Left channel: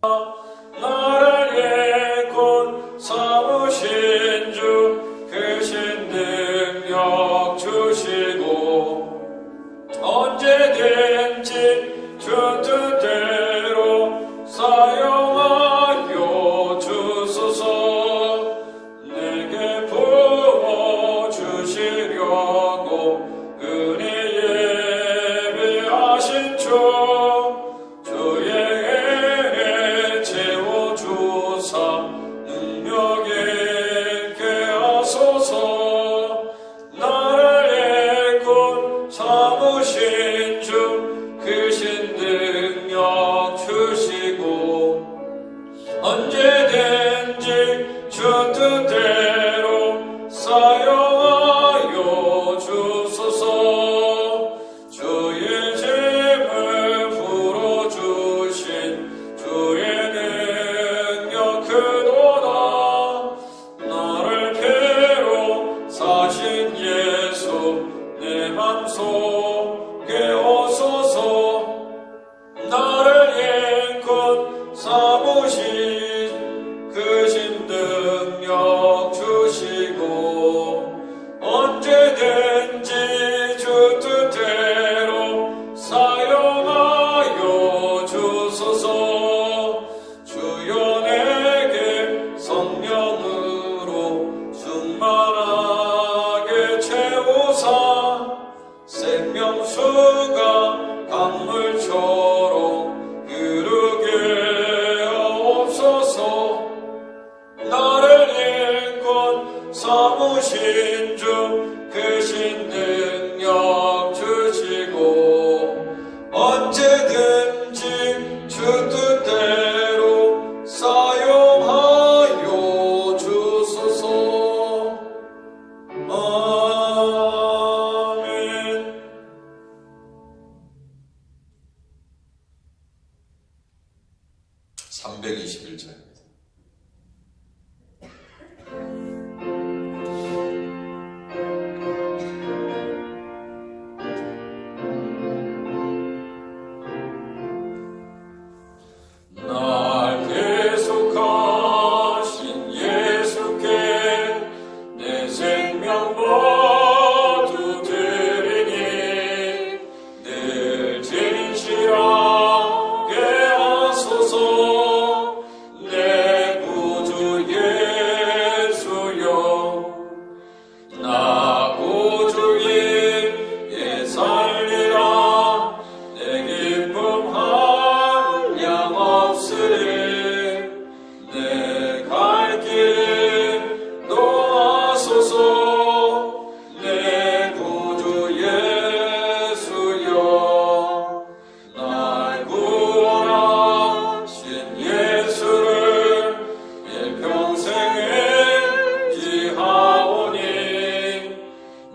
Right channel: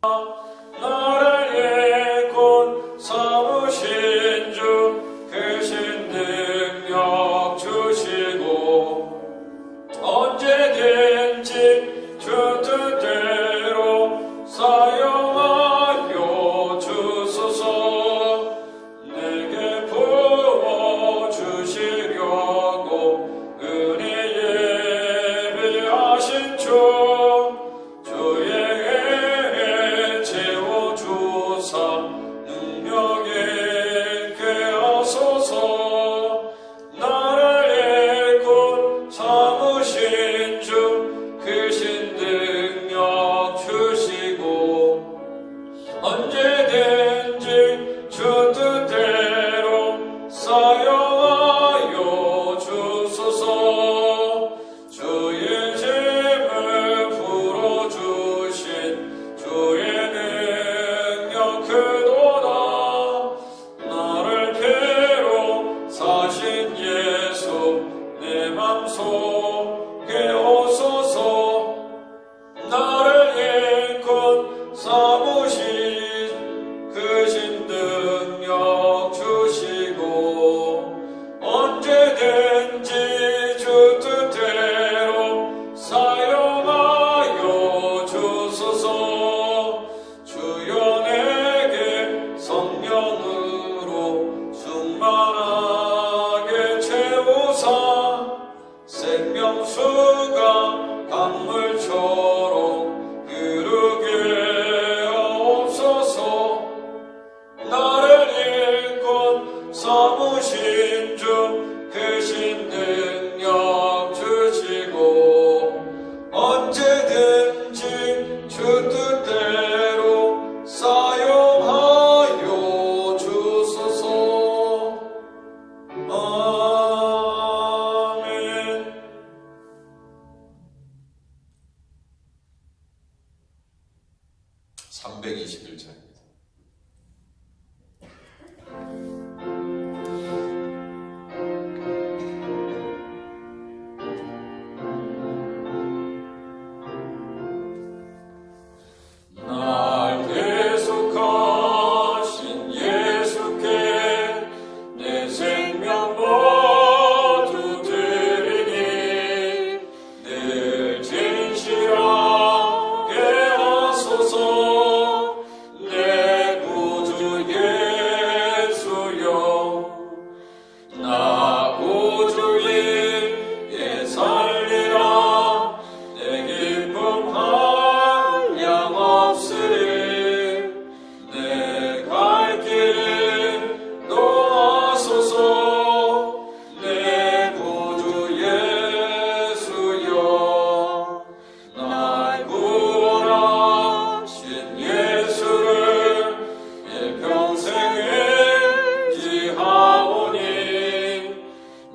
나를 일꾼 삼으신 주 크신 능력 주시고 언제든지 주 뜻대로 사용하여 주소서. 내게 부어주시려고 은혜 예배하신 주 주의 채워주사 능력에 있게 하소서. 나를 일꾼 삼으신 주 크신 능력 주시고 언제든지 주 뜻대로 사용하여 주소서. 주의 짐을 풀어주신 주의 능력 크도다. 나를 피로 사신 예수 내 맘속에 오소서. 나를 일꾼 삼으신 크신 능력 주시고 언제든지 주 뜻대로 사용하여 주소서. 주여 내게 성령으로 충만하게 채우사 생명수가 강물처럼 흐르게 하옵소서. 나를 일꾼 삼으신 주 크신 능력 주시고 언제든지 주 뜻대로 사용하여 주소서. 아멘. 321장입니다. 날 계속하신 예수께 내 생명 모두 드리니 늘 진실하게 하소서. 내 구주 예수여 나 구주인 예 살리라. 내 기쁨 한량 없으리. 내 갈 길 놓아소서. 내 구주 예수여 날 구원하신 예수를 일평생 인지하오니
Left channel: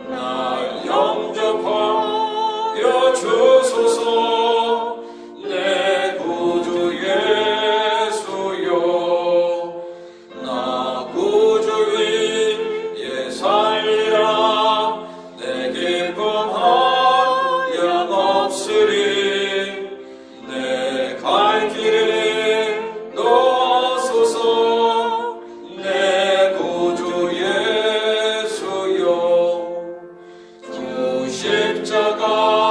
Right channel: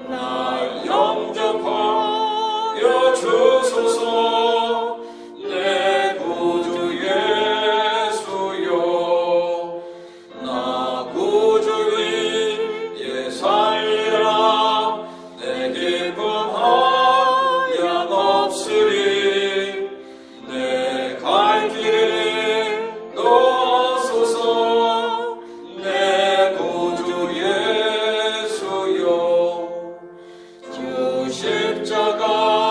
날 영접하여 주소서. 내 구주 예수여 나 구주인 예 살리라. 내 기쁨 한량 없으리. 내 갈 길 놓아소서. 내 구주 예수여 주 십자가에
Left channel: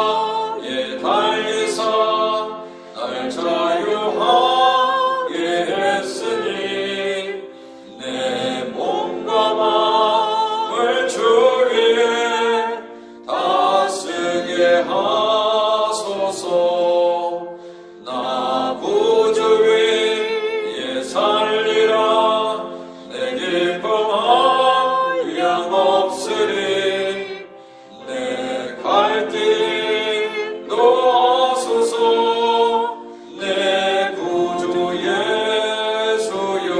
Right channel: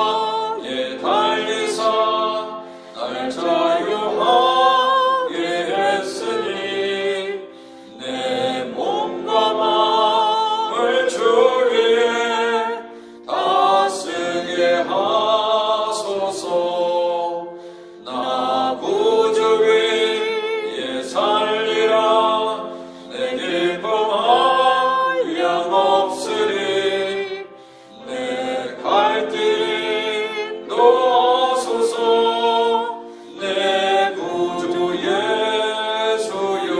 달리사 날 자유하게 했으니 내 몸과 마음을 주 위에 다 쓰게 하소서. 나 구주인 예 살리라. 내 기쁨 한량 없으리. 내 갈 길 놓아소서. 내 구주 예수여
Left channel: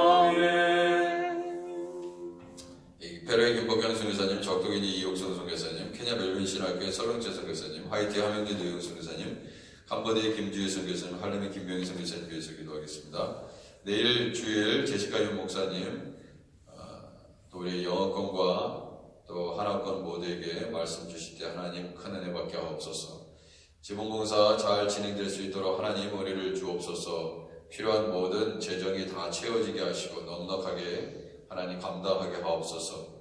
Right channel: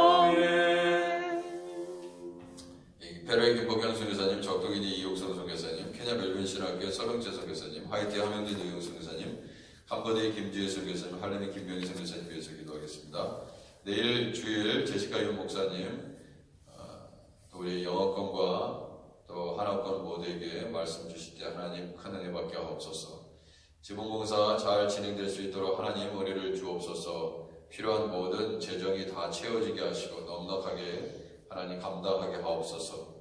아멘. 베로의 김복경 선교사님, 적도기니 이옥선 선교사님, 케냐 멜빈 신학교의 서경재 선교사님, 하이티 하명진 이용 선교사님, 캄보디아 김주혜 선교사님, 할렘의 김명희 선교사님 위해서 기도하겠습니다. 내일 주일 제시카 윤 목사님, 또 우리 영어권과 또 한화권 모두에게 말씀 주실 때 하나님 큰 은혜 받게 하옵소서. 지붕공사 잘 진행될 수 있도록 하나님 은혜를 주옵소서. 필요한 모든 재정이 다 채워지게 하시고 넉넉하게 하나님 감당하게 하옵소서.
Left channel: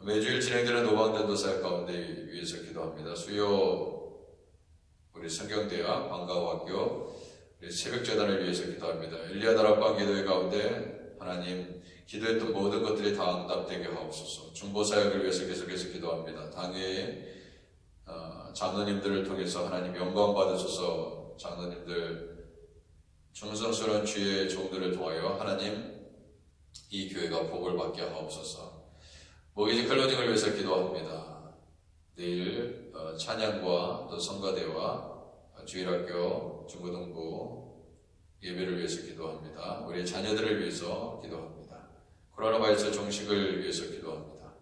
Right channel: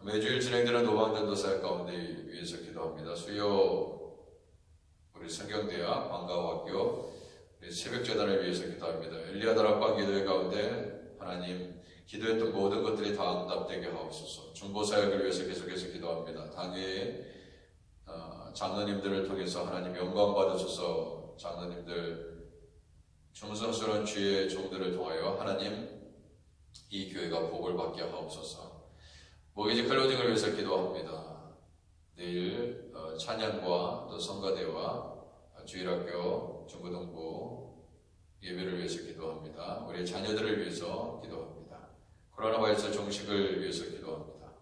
매주일 진행되는 노방전도사역 가운데 위해서 기도합니다. 수요 우리 성경대학 방과학교 새벽재단을 위해서 기도합니다. 엘리야 다락방 기도회 가운데 하나님 기도했던 모든 것들이 다 응답되게 하옵소서. 중보사역을 위해서 계속해서 기도합니다. 당회의 장로님들을 통해서 하나님 영광 받으소서. 장로님들 충성스러운 주의 종들을 통하여 하나님 이 교회가 복을 받게 하옵소서. 모기지 클로징을 위해서 기도합니다. 내일 찬양과 또 성가대와 주일학교 중고등부 예배를 위해서 기도합니다. 우리 자녀들을 위해서 기도합니다. 코로나 바이러스 종식을 위해서 기도합니다.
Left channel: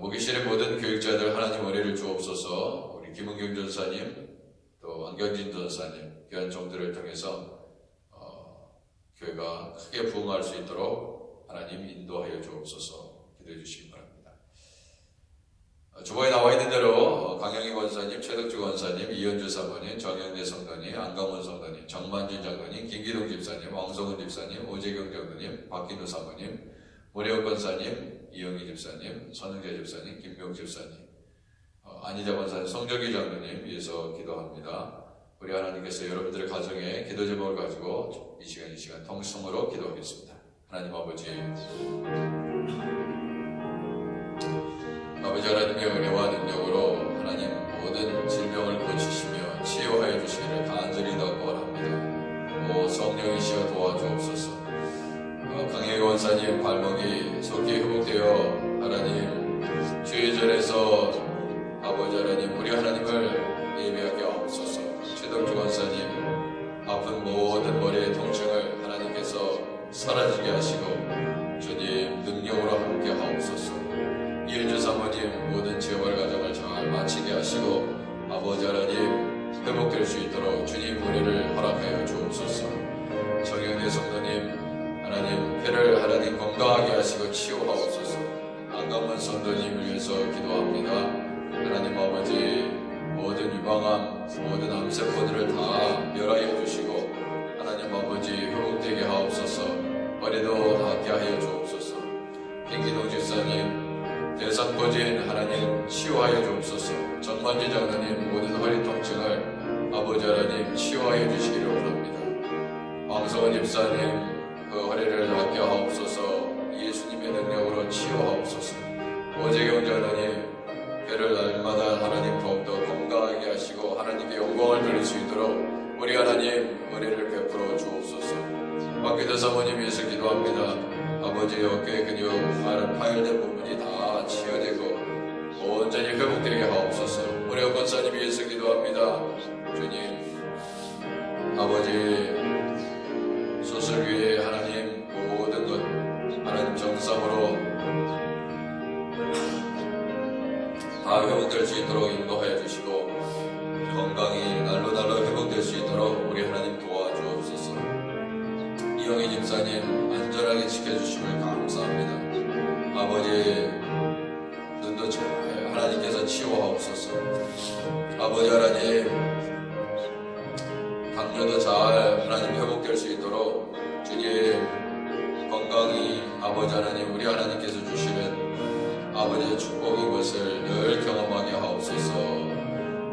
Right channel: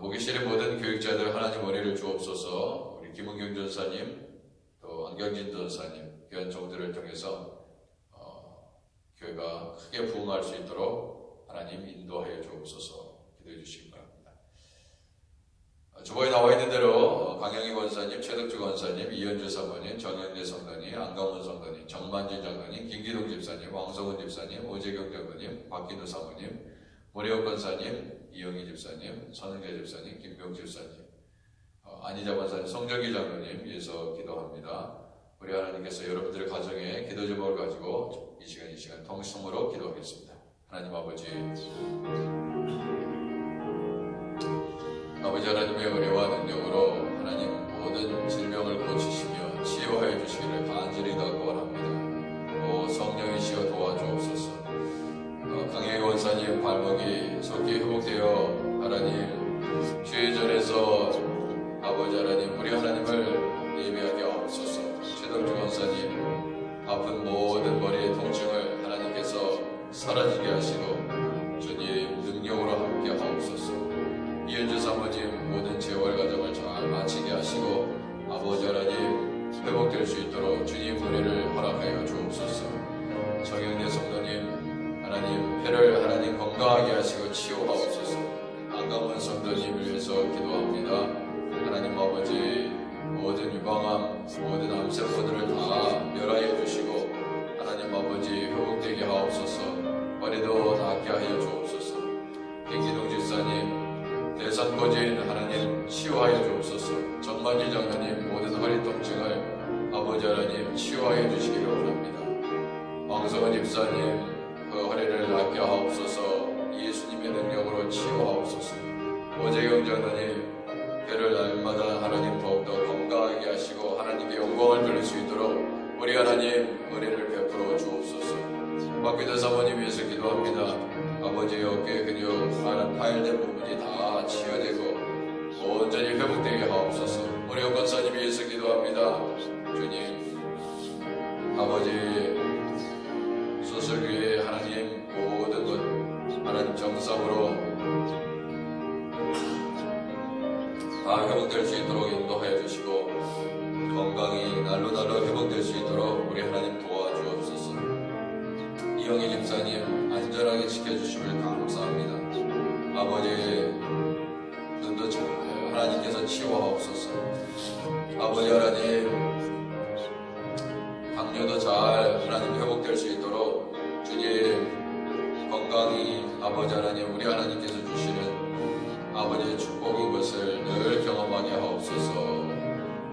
모기실의 모든 교육자들 하나님 은혜를 주옵소서. 우리 김은경 전사님 또 안경진 전사님 귀한 종들을 통해서 교회가 크게 부흥할 수 있도록 하나님 인도하여 주옵소서. 기도해 주시기 바랍니다. 주보에 나와 있는 대로 강영희 권사님, 최덕주 권사님, 이현주 사모님, 정영대 성도님, 안강원 성도님, 정만진 장로님, 김기동 집사님, 왕성훈 집사님, 오재경 장로님, 박기도 사모님, 모래옥 권사님, 이영희 집사님, 선은재 집사님, 김병 집사님, 안희자 권사님, 성정기 장로님 위해서 기도합니다. 우리 하나님께서 여러분들의 가정에 기도 제목을 가지고 이 시간 통성으로 기도하겠습니다. 하나님 아버지 하나님의 은혜와 능력으로 하나님 모든 질병을 고치시며 치유하여 주시기를 간절히 구원합니다. 오 성령이시여 도와주옵소서. 강혜희 원사님 발목이 속히 회복되어 하나님 주의 전에서 아버지 하나님 우리 하나님을 예배하게 하옵소서. 최덕주 원사님 아픈 모든 머리의 통증을 하나님께서 사라지게 하시고 주님 능력으로 함께 하옵소서. 이은주 사모님 모든 재활 과정을 잘 마치게 하시고 아버지 하나님 회복될 수 있도록 주님 은혜를 허락하여 주옵소서. 정영대 성도님 하나님 폐를 하나님 건강하게 하시고 치유하옵소서. 안강원 성도님을 위해서 기도합니다. 하나님 아버지 모든 유방암 모든 암세포들을 다 멸하여 주시고 하나님 아버지 회복되게 하옵소서. 머리도 낫게 하여 주옵소서. 김기동 집사님 대상거진 하나님 치유하여 주옵소서. 정만지 장로님 모든 허리 통증을 아버지 하나님 치유하여 주시기를 원합니다. 왕성원 집사님 그 허리를 낫게 하옵소서. 예수님의 능력으로 치유하옵소서. 오재경 장로님 배를 날마다 하나님 더욱더 건강하게 하시고 하나님의 영광을 누릴 수 있도록 우리 하나님 은혜를 베풀어 주옵소서. 박기도 사모님 위해서 기도합니다. 아버지의 어깨 근육 파열된 부분이 다 치유되고 온전히 회복되게 하옵소서. 우리 권사님 위해서 기도합니다. 주님 아버지 수술 위에 하나님 모든 것 하나님 정상으로 다 회복될 수 있도록 인도하여 주시고 건강이 날로 회복될 수 있도록 우리 하나님 도와주옵소서. 이영희 집사님 안전하게 지켜주심을 감사합니다. 아버지 눈도 잘 하나님께서 치유하옵소서. 아버지 하나님 당뇨도 잘 하나님 회복될 수 있도록 주님 건강이 아버지 하나님 우리 하나님께서 주시는 아버지의 축복인 것을 늘 경험하게 하옵소서.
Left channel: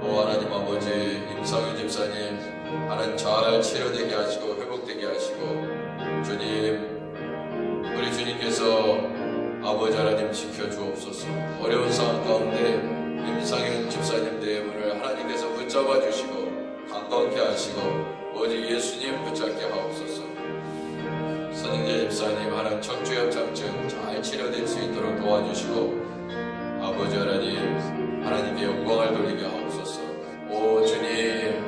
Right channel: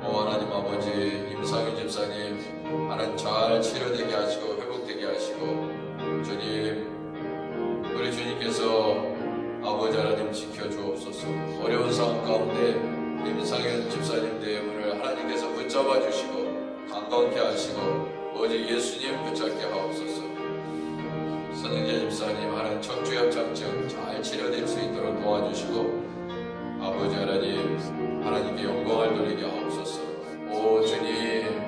오 하나님 아버지 임상윤 집사님 하나님 잘 치료되게 하시고 회복되게 하시고 주님 우리 주님께서 아버지 하나님 지켜주옵소서. 어려운 상황 가운데 임상윤 집사님 대문을 하나님께서 붙잡아 주시고 강건케 하시고 오직 예수님 붙잡게 하옵소서. 선영재 집사님 하나님 척추협착증 잘 치료될 수 있도록 도와주시고 아버지 하나님 하나님께 영광을 돌리게 하옵소서. 오 주님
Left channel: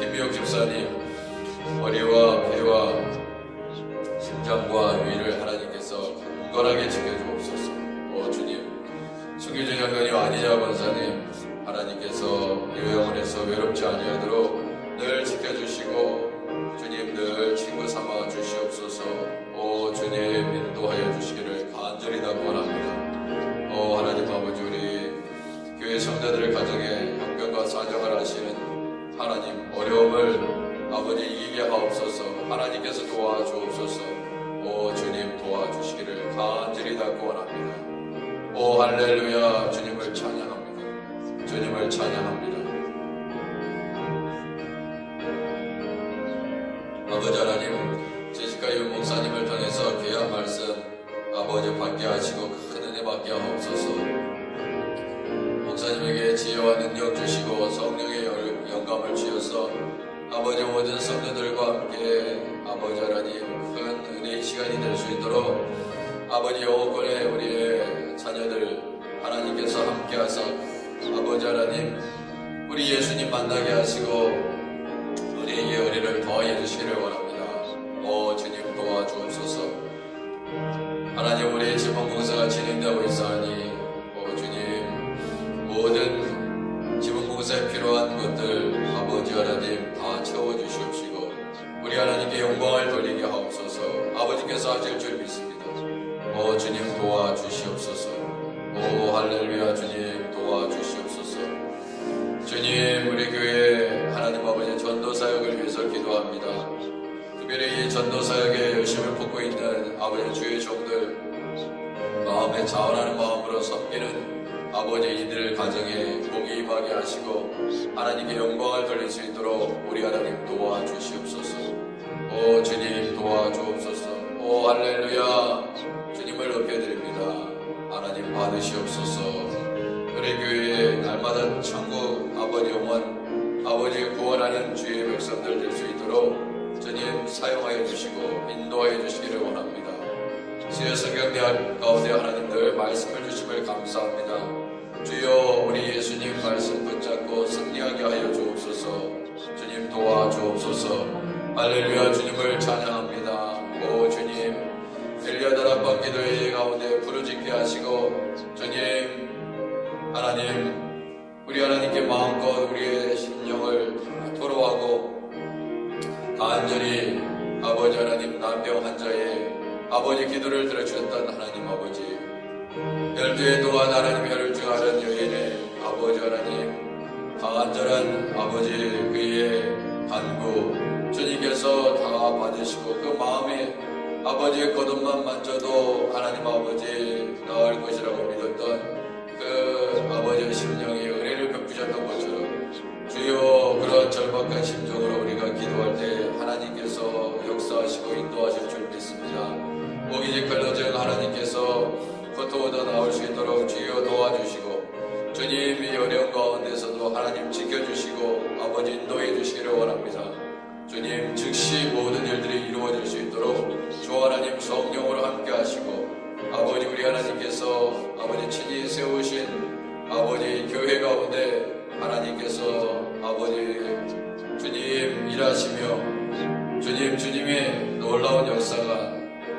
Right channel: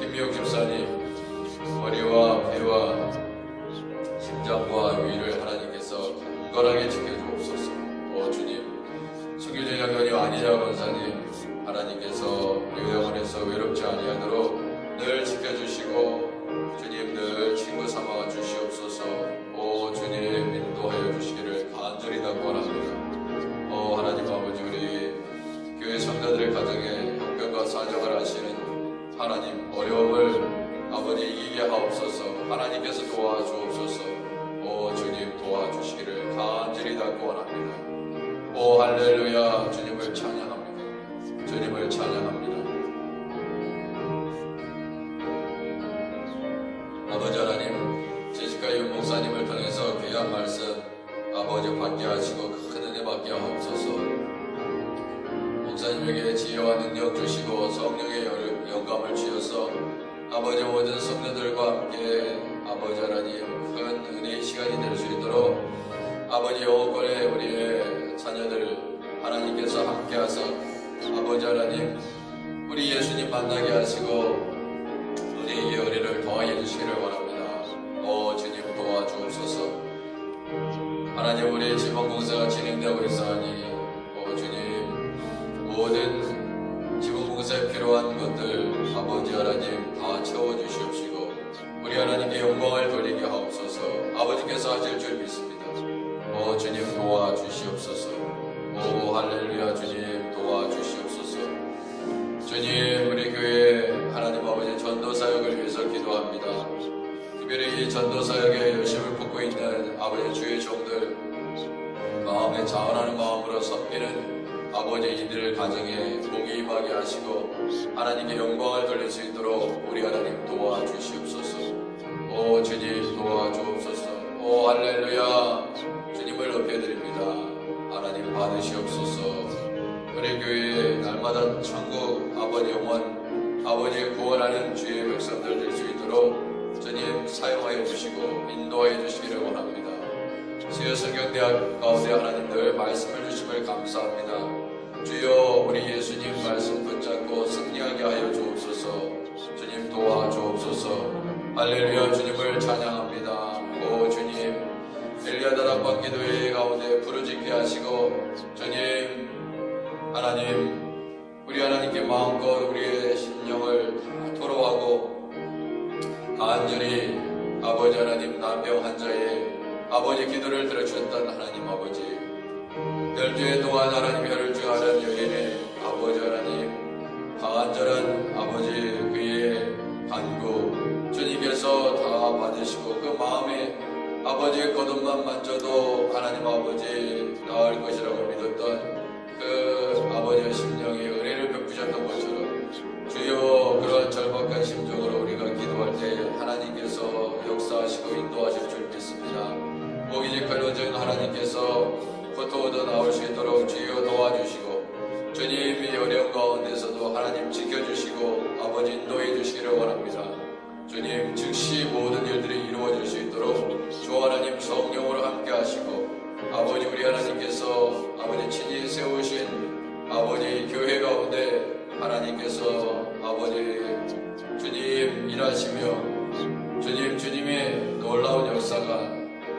김미영 집사님 머리와 배와 심장과 위를 하나님께서 굳건하게 지켜주옵소서. 오 주님 승규준 장로님 안희자 권사님 하나님께서 요양원에서 외롭지 아니하도록 늘 지켜주시고 주님 늘 친구 삼아 주시옵소서. 오 주님 인도하여 주시기를 간절히 원합니다. 오 하나님 아버지 우리 교회 성도들의 가정에 형편과 삶과 사정을 하시는 하나님, 어려움을 아버지 이기게 하옵소서. 하나님께서 도와주옵소서. 오 주님 도와주시기를 간절히祷고 원합니다. 오 할렐루야. 주님을 찬양합니다. 주님을 찬양합니다. 아버지 하나님, 제시카 유 목사님을 통해서 귀한 말씀 아버지 받게 하시고 큰 은혜 받게 하옵소서. 목사님에게 지혜와 능력 주시고 성령의 영감을 주셔서 아버지 모든 성도들과 함께 아버지 하나님 큰 은혜의 시간이 될 수 있도록 아버지 영혼권의 우리의 자녀들 하나님께서 함께 하사 아버지 하나님 우리 예수님 만나게 하시고 우리에게 은혜를 더하여 주시기를 원합니다. 오 주님 도와주옵소서. 하나님 우리의 지방공사가 진행되고 있사오니 오 주님 모든 지방공사에 필요한 것들 아버지 하나님 다 채워주시옵시고 우리 하나님께 영광을 돌리게 하옵소서. 아버지께서 하실 줄 믿습니다. 오 주님 도와주시옵소서. 오 할렐루야. 주님 도와주시옵소서. 주님 우리 교회 하나님 아버지 전도사역을 위해서 기도합니다. 특별히 이 전도사역에 열심을 붓고 있는 아버지 주의 종들 마음에 자원하는 마음으로 섬기는 아버지 이들 가정에 복이 임하게 하시고 하나님께 영광을 돌릴 수 있도록 우리 하나님 도와주시옵소서. 오 주님 도와주옵소서. 오 할렐루야. 주님을 높여드립니다. 하나님 받으시옵소서. 우리 교회에 날마다 천국 아버지 영원 아버지 구원하는 주의 백성들 될 수 있도록 주님 사용하여 주시고 인도하여 주시기를 원합니다. 주여 성경대학 가운데 하나님들 말씀을 주심을 감사합니다. 주여 우리 예수님 말씀 붙잡고 승리하게 하여 주옵소서. 주님 도와주옵소서. 할렐루야. 주님을 찬양합니다. 오 주님 엘리야다락방 기도회 가운데 부르짖게 하시고 주님 하나님 우리 하나님께 마음껏 우리의 심령을 토로하고 간절히 아버지 하나님 난병 환자의 아버지 기도를 들어주셨던 하나님 아버지 열주의 동안 하나님 혈주하는 여인의 아버지 하나님 간절한 아버지 그의 간구 주님께서 다 받으시고 그 마음에 아버지의 거듭만 만져도 하나님 아버지 나을 것이라고 믿었던 그 아버지의 심령에 은혜를 베푸셨던 것처럼 주여 그런 절박한 심정으로 우리가 기도할 때 하나님께서 역사하시고 인도하실 줄 믿습니다. 모기지 클로징 하나님께서 고통으로 나올 수 있도록 주여 도와주시고 주님이 어려운 가운데서도 하나님 지켜주시고 아버지 인도해 주시기를 원합니다. 주님 즉시 모든 일들이 이루어질 수 있도록 주 하나님 성령으로 함께 하시고 아버지 우리 하나님께서 아버지 친히 세우신 아버지 교회 가운데 하나님께서 아버지 주님 일하시며 주님의 놀라운 역사가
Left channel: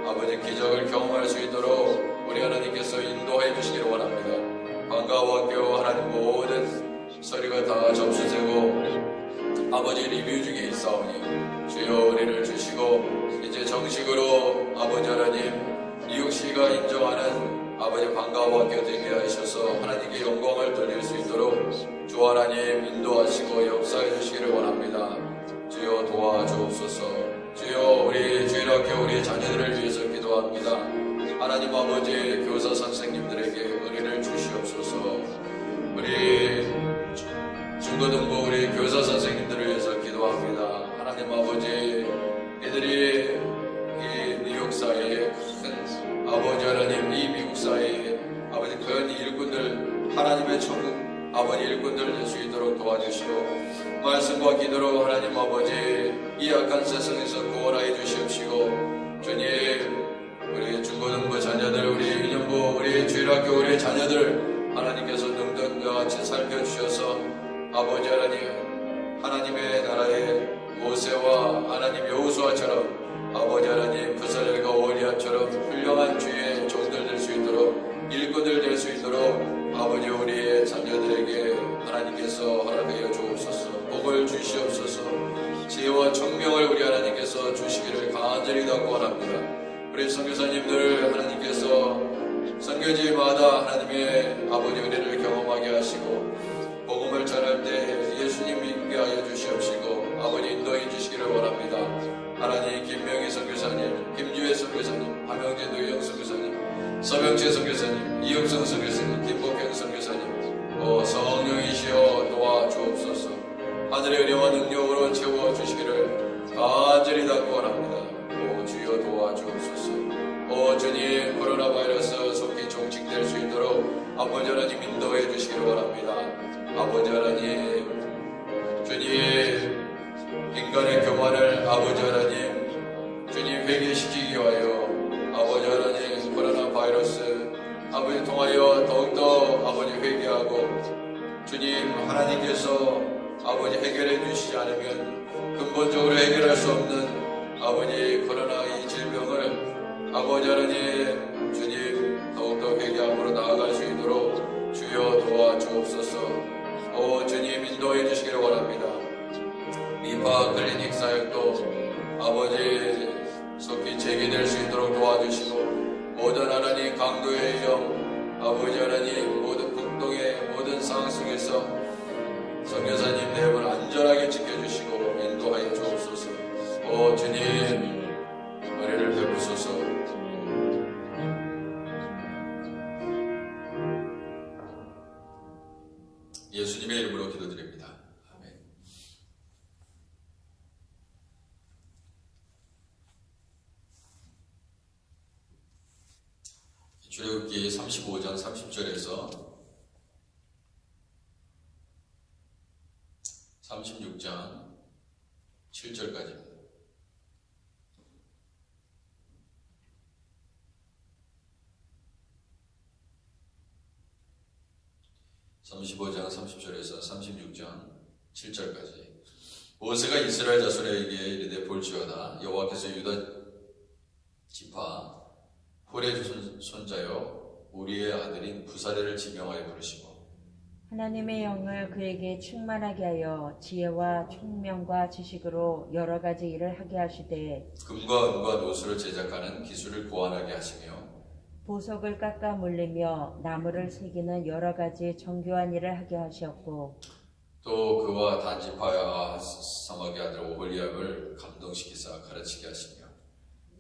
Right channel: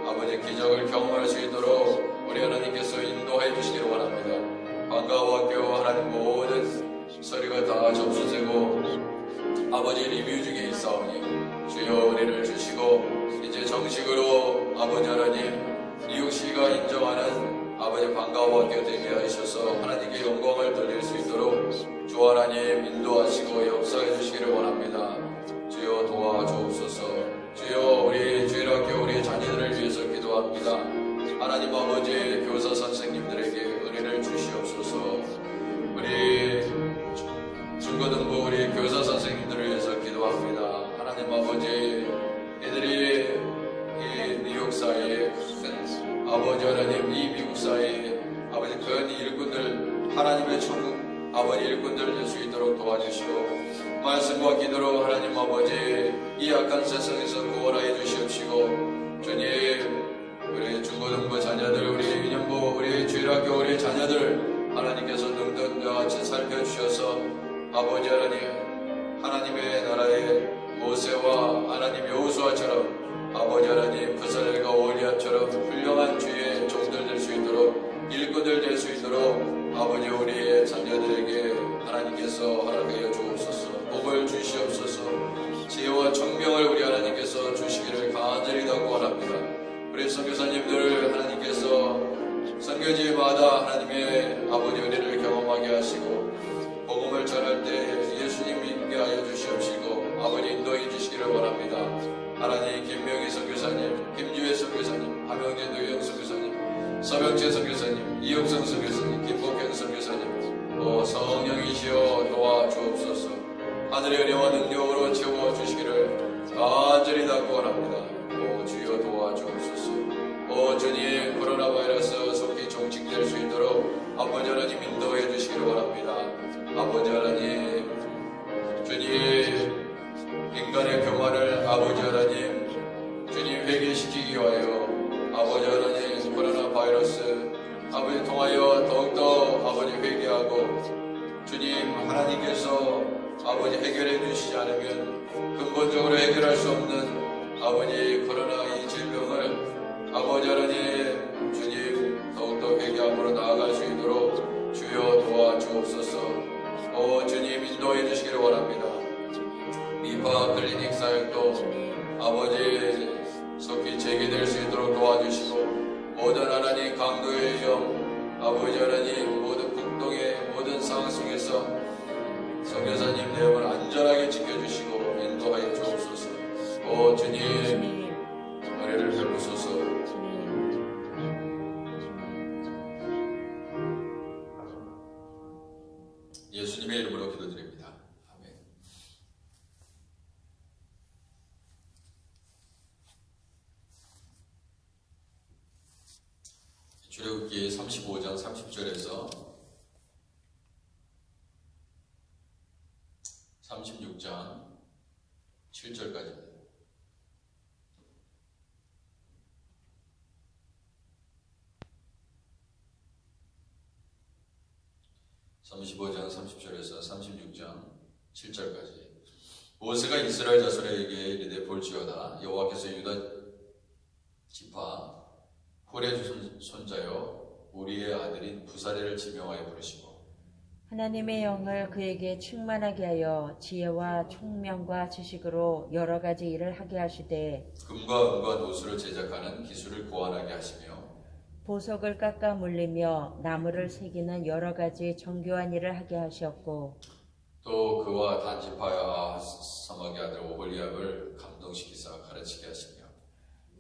아버지 기적을 경험할 수 있도록 우리 하나님께서 인도해 주시기를 원합니다. 방과후학교 하나님 모든 서류가 다 접수되고 아버지 리뷰 중에 있사오니 주여 은혜를 주시고 이제 정식으로 아버지 하나님 뉴욕시가 인정하는 아버지 방과후학교 되게 하셔서 하나님께 영광을 돌릴 수 있도록 주 하나님 인도하시고 역사해 주시기를 원합니다. 주여 도와주옵소서. 주여 우리 주일학교 우리 자녀들을 위해서 기도합니다. 하나님 아버지 교사 선생님들에게 은혜를 주시옵소서. 우리 중고등부 우리 교사 선생님들을 위해서 기도합니다. 하나님 아버지 이들이 이 뉴욕 사회에 큰 아버지 하나님 이 미국 사회에 아버지 큰 일꾼들 하나님의 천국 아버지 일꾼들 될 수 있도록 도와주시고 말씀과 기도로 하나님 아버지 이 악한 세상에서 구원하여 주시옵시고 주님 우리 중고등부 자녀들 우리 유년부 우리 주일학교 우리 자녀들 하나님께서 능력과 같이 살펴주셔서 아버지 하나님의 나라의 모세와 하나님 여호수아처럼 아버지 하나님 부사엘과 오리아처럼 훌륭한 주의 종들 될 수 있도록 일꾼들 될 수 있도록 아버지 우리의 자녀들에게 하나님께서 허락하여 주옵소서. 복을 주시옵소서. 지혜와 청명을 우리 하나님께서 주시기를 간절히 원합니다. 우리 선교사님들 하나님께서 선교지마다 하나님의 아버지 은혜를 경험하게 하시고 복음을 전할 때 하여 주시옵시고 아버지 인도해 주시기를 원합니다. 하나님 김명희 선교사님, 김주혜 선교사님, 함영재 노영 선교사님, 서명재 선교사님, 이영성 선교사님, 김복경 선교사님, 성령이시여 도와주옵소서. 하늘의 영원 능력으로 채워주시기를 간절히 당부합니다. 주여 도와주옵소서. 주님 코로나 바이러스 속히 종식될 수 있도록 아버지 하나님 인도해 주시기를 원합니다. 아버지 하나님, 주님 인간의 교만을 아버지 하나님, 주님 회개시키기 위하여 아버지 하나님 코로나 바이러스 아버지 통하여 더욱더 아버지 회개하고 주님 하나님께서 아버지 해결해 주시지 않으면 근본적으로 해결할 수 없는 아버지 코로나 이 질병을 아버지 하나님 주님 더욱더 회개함으로 나아갈 수 있도록 주여 도와주옵소서. 주님 인도해 주시기를 원합니다. 미파 클리닉 사역도 아버지 속히 재개될 수 있도록 도와주시고 모든 하나님 강도의 영 아버지 하나님 모든 국동의 모든 상황 속에서 선교사님 내용을 안전하게 지켜주시고 인도하여 주옵소서. 주님 은혜를 베푸소서. 예수님의 이름으로 기도드립니다. 아멘. 출애굽기 35장 30절에서 36장 7절까지입니다. (35장 30절에서 36장 7절까지) 모세가 이스라엘 자손에게 이르되 볼지어다 여호와께서 유다 지파 홀의 손자여 우리의 아들인 부사레를 지명하여 부르시고 하나님의 영을 그에게 충만하게 하여 지혜와 총명과 지식으로 여러 가지 일을 하게 하시되 금과 은과 노수를 제작하는 기술을 고안하게 하시며 보석을 깎아 물리며 나무를 새기는 여러 가지 정교한 일을 하게 하셨고 또 그와 단지파야 사막의 아들 오홀리압을 감동시키사 가르치게 하시며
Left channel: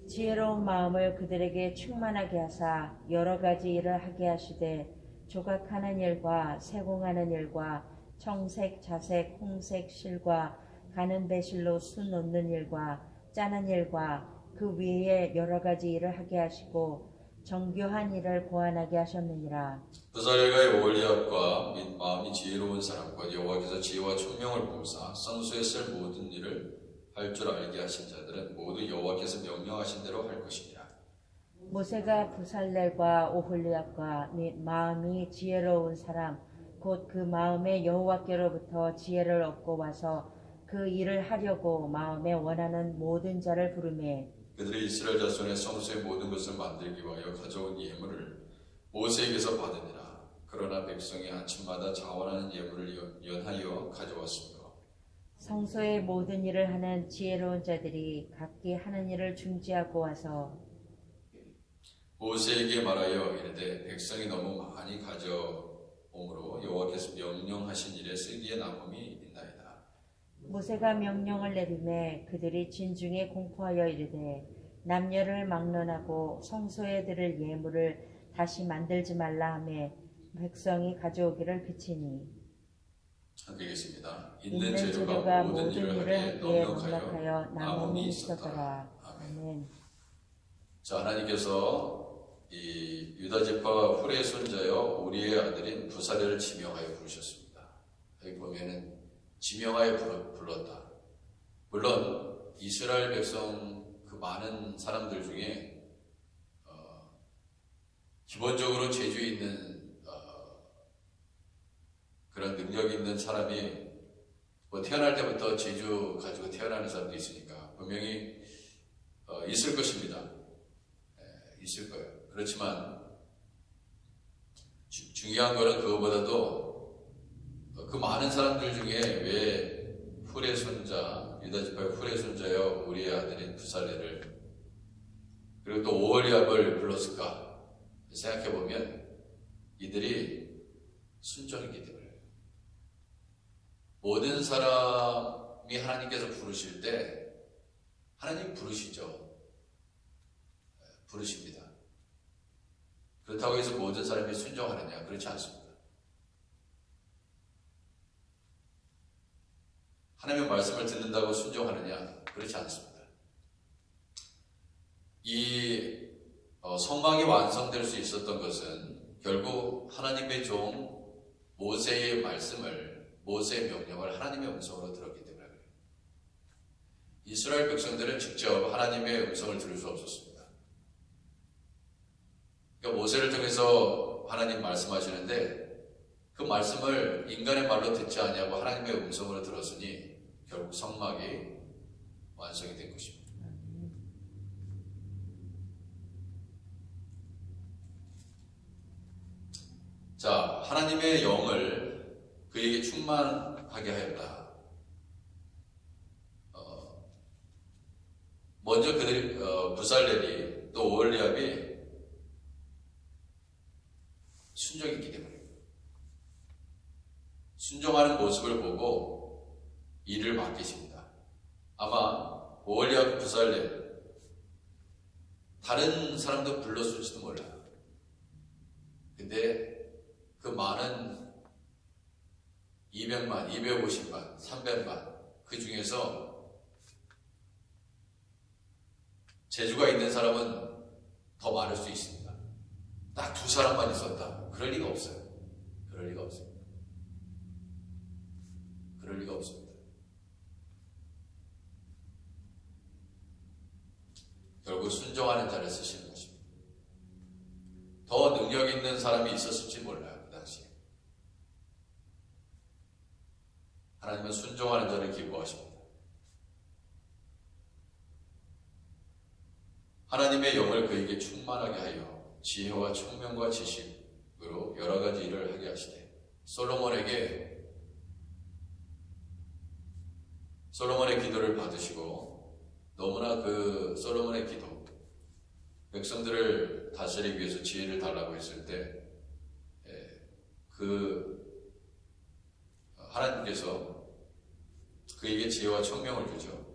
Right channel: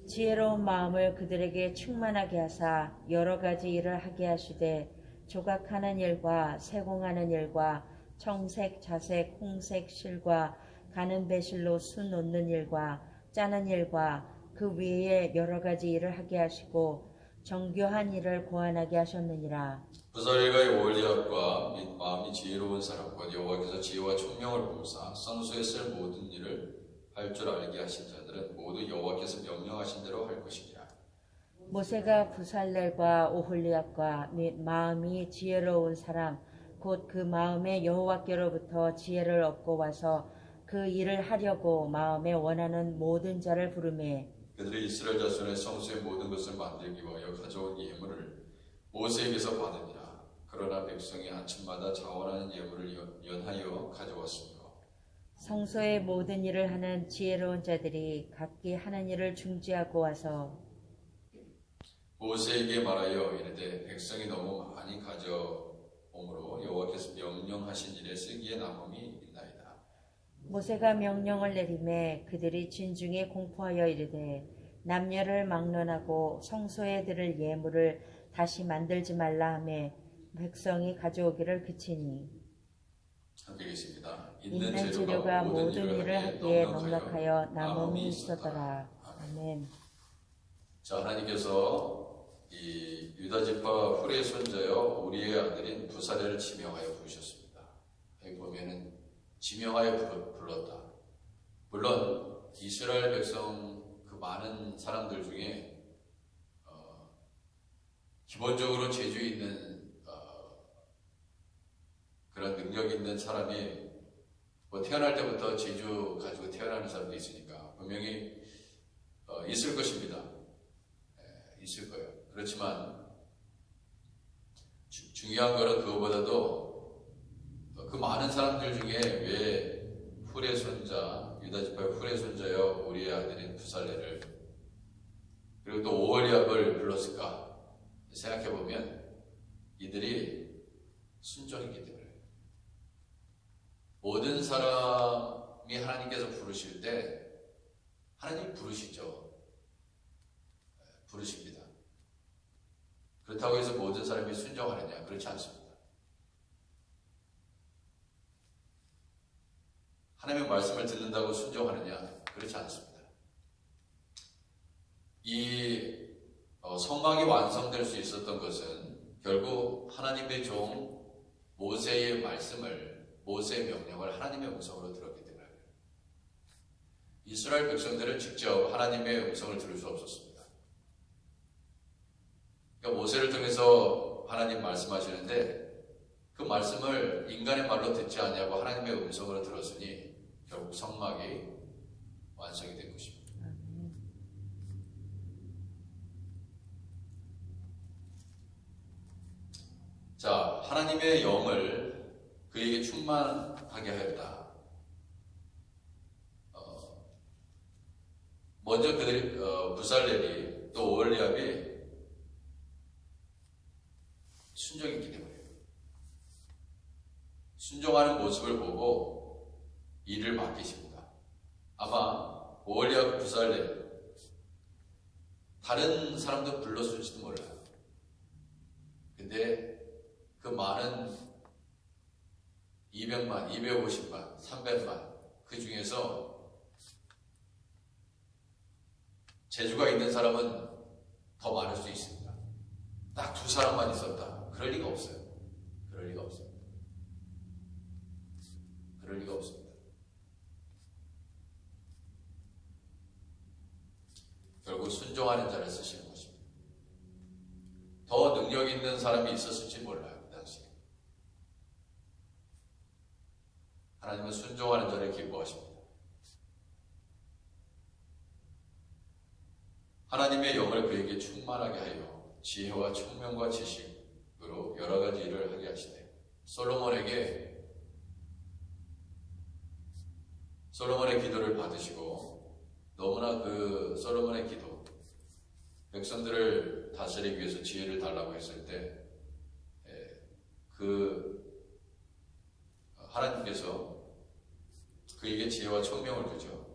지혜로운 마음을 그들에게 충만하게 하사 여러 가지 일을 하게 하시되 조각하는 일과 세공하는 일과 청색, 자색, 홍색 실과 가는 배실로 수 놓는 일과 짜는 일과 그 위에 여러 가지 일을 하게 하시고 정교한 일을 고안하게 하셨느니라. 부사레가 오홀리압과 및 마음이 지혜로운 사람과 여호와께서 지혜와 총명을 부으사 성소에 쓸 모든 일을 할 줄 알게 하신 자들은 모두 여호와께서 명령하신 대로 할 것이니라. 모세가 부살렐과 오홀리압과 및 마음이 지혜로운 사람 곧 그 마음에 여호와께로부터 지혜를 얻고 와서 그 일을 하려고 마음에 원하는 모든 자를 부르매 그들이 이스라엘 자손의 성소의 모든 것을 만들기 위하여 가져온 예물을 모세에게서 받으니라. 그러나 백성이 아침마다 자원하는 예물을 연하여 가져왔으며 성소의 모든 일을 하는 지혜로운 자들이 각기 하는 일을 중지하고 와서 모세에게 말하여 이르되 백성이 너무 많이 가져옴으로 여호와께서 명령하신 일에 쓰기에 남음이 있나이다. 모세가 명령을 내리매 그들이 진중에 공포하여 이르되 남녀를 막론하고 성소에 드릴 예물을 다시 만들지 말라 하매 백성이 가져오기를 그치니 함께 계십니다. 있는 재료가 모든 일을 하기에 넉넉하여 남음이 있었더라. 아멘. 자, 하나님께서 이 유다지파 훌의 손자여 우리의 아들인 부사레를 지명하여 부르셨습니다. 여기 보면은 지명하여 불렀다. 물론 이스라엘 백성 그 많은 사람들 중에 기본적으로 재주 있는 그런 능력 있는 사람이 뭐 태어날 때부터 재주 가지고 태어나는 사람도 있으니까 분명히 있을 것입니다. 있을 거예요. 그렇지만 중요한 거는 그거보다도 그 많은 사람들 중에 왜 훌의 손자 유다지파의 훌의 손자여 우리의 아들인 부살레를 그리고 또 오홀리압을 불렀을까 생각해 보면 이들이 순종했기 때문에 모든 사람이 하나님께서 부르실 때 하나님 부르시죠. 부르십니다. 그렇다고 해서 모든 사람이 순종하느냐? 그렇지 않습니다. 하나님의 말씀을 듣는다고 순종하느냐? 그렇지 않습니다. 이 성막이 완성될 수 있었던 것은 결국 하나님의 종 모세의 말씀을, 모세의 명령을 하나님의 음성으로 들었기 때문에 그래요. 이스라엘 백성들은 직접 하나님의 음성을 들을 수 없었습니다. 그러니까 모세를 통해서 하나님 말씀하시는데 그 말씀을 인간의 말로 듣지 않냐고 하나님의 음성으로 들었으니 결국 성막이 완성이 된 것입니다. 자, 하나님의 영을 그에게 충만하게 하였다. 먼저 그들 부살렐이 또 오홀리압이 순종했기 때문입니다. 순종하는 모습을 보고 일을 맡기십니다. 아마 오홀리압 부살렐 다른 사람도 불렀을지도 몰라요. 근데 그 많은 200만, 250만, 300만 그 중에서 재주가 있는 사람은 더 많을 수 있습니다. 딱 2사람만 있었다. 그럴 리가 없어요. 그럴 리가 없습니다. 그럴 리가 없습니다. 결국 순종하는 자를 쓰시는 것입니다. 더 능력 있는 사람이 있었을지 몰라요. 그 당시에. 하나님은 순종하는 자를 기뻐하십니다. 하나님의 영을 그에게 충만하게 하여 지혜와 총명과 지식으로 여러 가지 일을 하게 하시되 솔로몬의 기도를 받으시고 너무나 그 솔로몬의 기도 백성들을 다스리기 위해서 지혜를 달라고 했을 때 그 하나님께서 그에게 지혜와 총명을 주죠.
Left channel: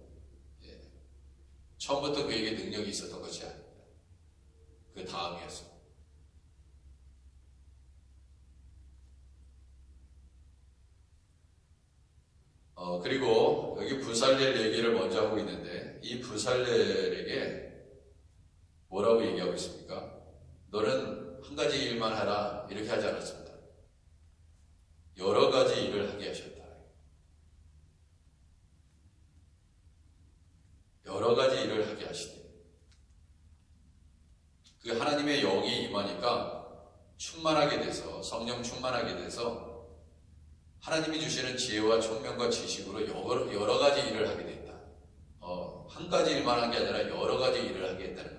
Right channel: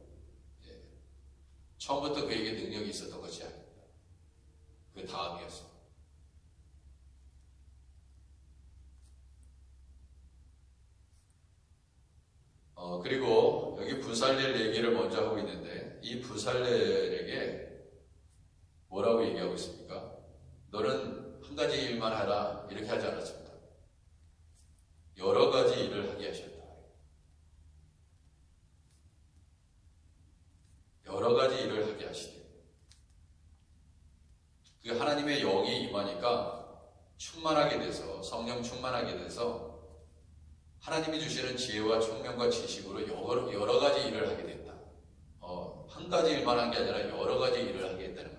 처음부터 그에게 능력이 있었던 것이 아닙니다. 그 다음이었어. 그리고 여기 부살렐 얘기를 먼저 하고 있는데 이 부살렐에게 뭐라고 얘기하고 있습니까? 너는 한 가지 일만 하라 이렇게 하지 않았습니다. 여러 가지 일을 하게 하셨다. 여러 가지 일을 하게 하시니 그 하나님의 영이 임하니까 충만하게 돼서 성령 충만하게 돼서 하나님이 주시는 지혜와 총명과 지식으로 여러 가지 일을 하게 된다. 한 가지 일만 한 게 아니라 여러 가지 일을 하게 했다는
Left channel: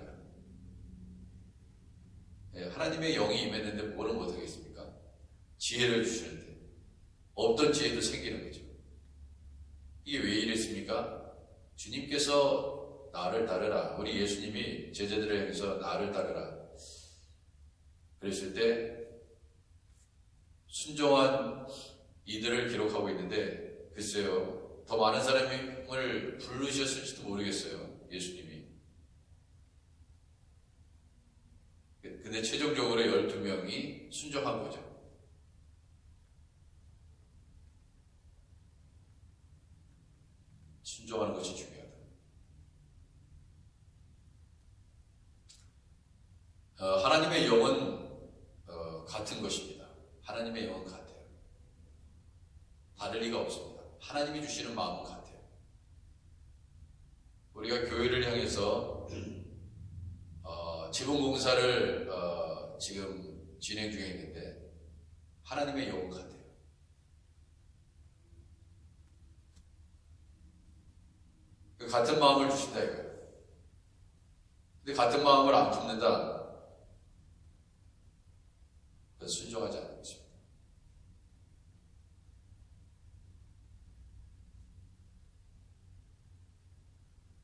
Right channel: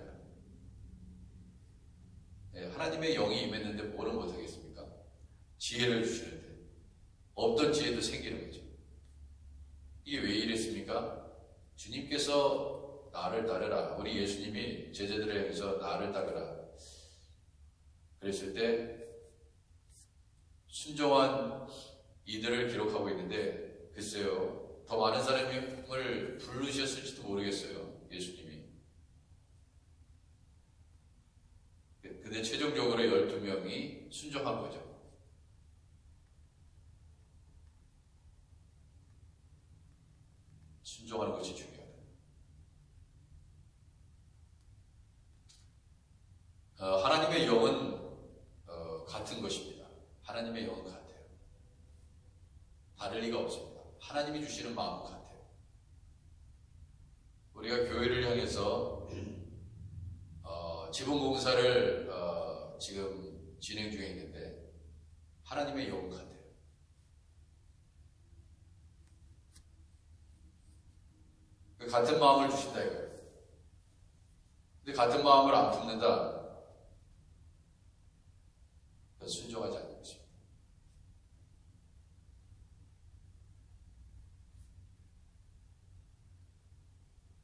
거예요. 하나님의 영이 임했는데 뭐를 못하겠습니까? 지혜를 주시는데 없던 지혜도 생기는 거죠. 이게 왜 이랬습니까? 주님께서 나를 따르라. 우리 예수님이 제자들을 향해서 나를 따르라. 그랬을 때 순종한 이들을 기록하고 있는데 글쎄요. 더 많은 사람을 부르셨을지도 모르겠어요. 예수님이. 근데 최종적으로 12명이 순종한 거죠. 순종하는 것이 중요하다. 하나님의 영은 같은 것입니다. 하나님의 영은 같아요. 다를 리가 없습니다. 하나님이 주시는 마음은 같아요. 우리가 교회를 향해서 지붕공사를 지금 진행 중에 있는데 하나님의 영은 같아요. 같은 마음을 주신다 이거예요. 근데 같은 마음을 안 품는다. 그래서 순종하지 않는 것입니다.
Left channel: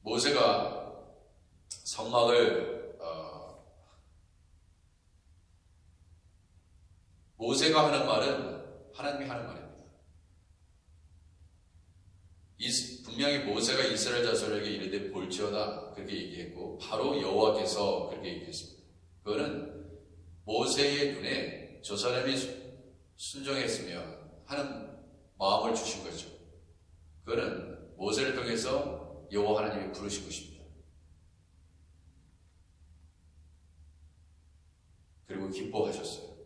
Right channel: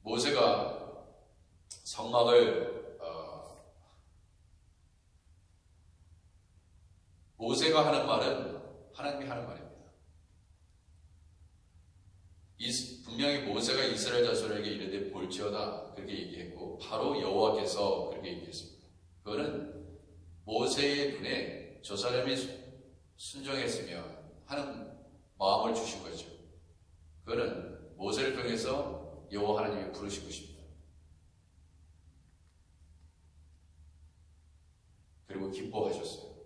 모세가 성막을 모세가 하는 말은 하나님이 하는 말입니다. 분명히 모세가 이스라엘 자손에게 이르되 볼지어다 그렇게 얘기했고 바로 여호와께서 그렇게 얘기했습니다. 그거는 모세의 눈에 저 사람이 순종했으면 하는 마음을 주신 거죠. 그거는 모세를 통해서 여호와 하나님이 부르신 것입니다. 그리고 기뻐하셨어요.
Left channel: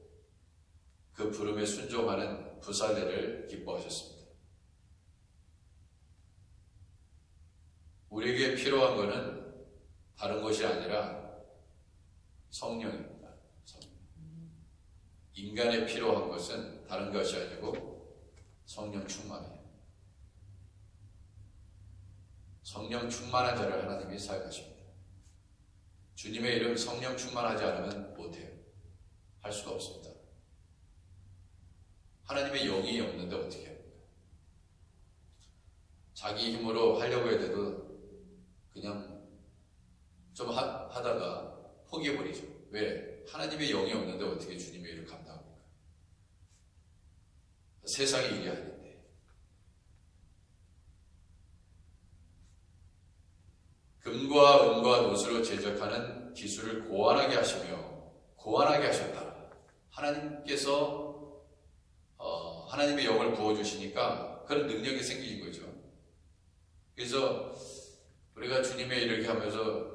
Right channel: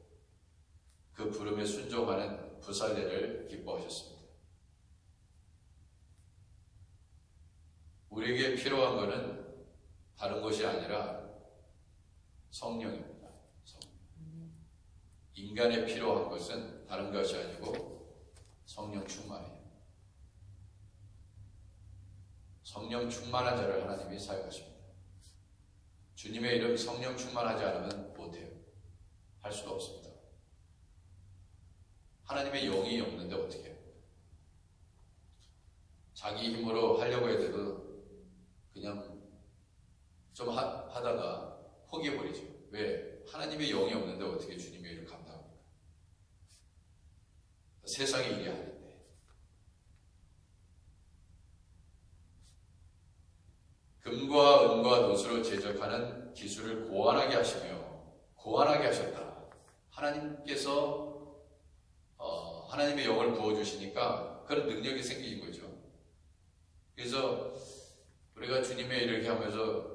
그 부름에 순종하는 부살레를 기뻐하셨습니다. 우리에게 필요한 것은 다른 것이 아니라 성령입니다. 인간에 필요한 것은 다른 것이 아니고 성령 충만이에요. 성령 충만한 자를 하나님이 사용하십니다. 주님의 이름 성령 충만하지 않으면 못해요. 할 수가 없습니다. 하나님의 영이 없는데 어떻게 해요? 자기 힘으로 하려고 해도 그냥 좀 하다가 포기해버리죠. 왜? 하나님의 영이 없는데 어떻게 주님의 일을 감당합니까? 세상의 일이 아닌데. 금과 은과 노수로 제작하는 기술을 고안하게 하시며 고안하게 하셨다. 하나님께서 하나님의 영을 부어주시니까 그런 능력이 생기는 거죠. 그래서 우리가 주님의 일을 이렇게 하면서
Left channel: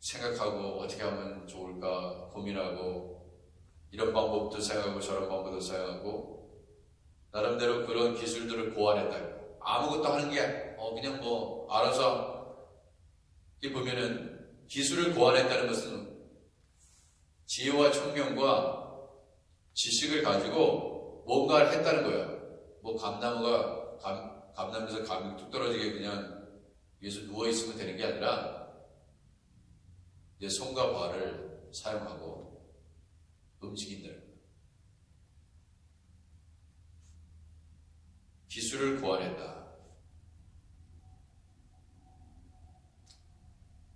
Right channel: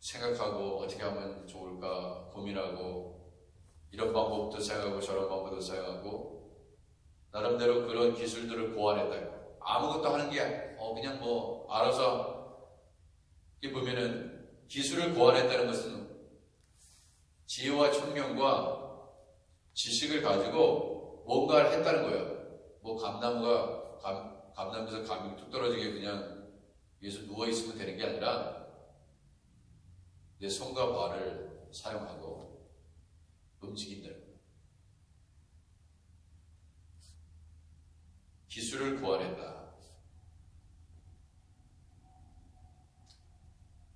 생각하고 어떻게 하면 좋을까 고민하고 이런 방법도 사용하고 저런 방법도 사용하고 나름대로 그런 기술들을 고안했다. 아무것도 하는 게 그냥 뭐 알아서 이 보면은 기술을 고안했다는 것은 지혜와 총명과 지식을 가지고 뭔가를 했다는 거예요. 뭐 감나무에서 감이 뚝 떨어지게 그냥 위에서 누워있으면 되는 게 아니라 내 손과 발을 사용하고 움직인다는 거예요. 기술을 고안했다.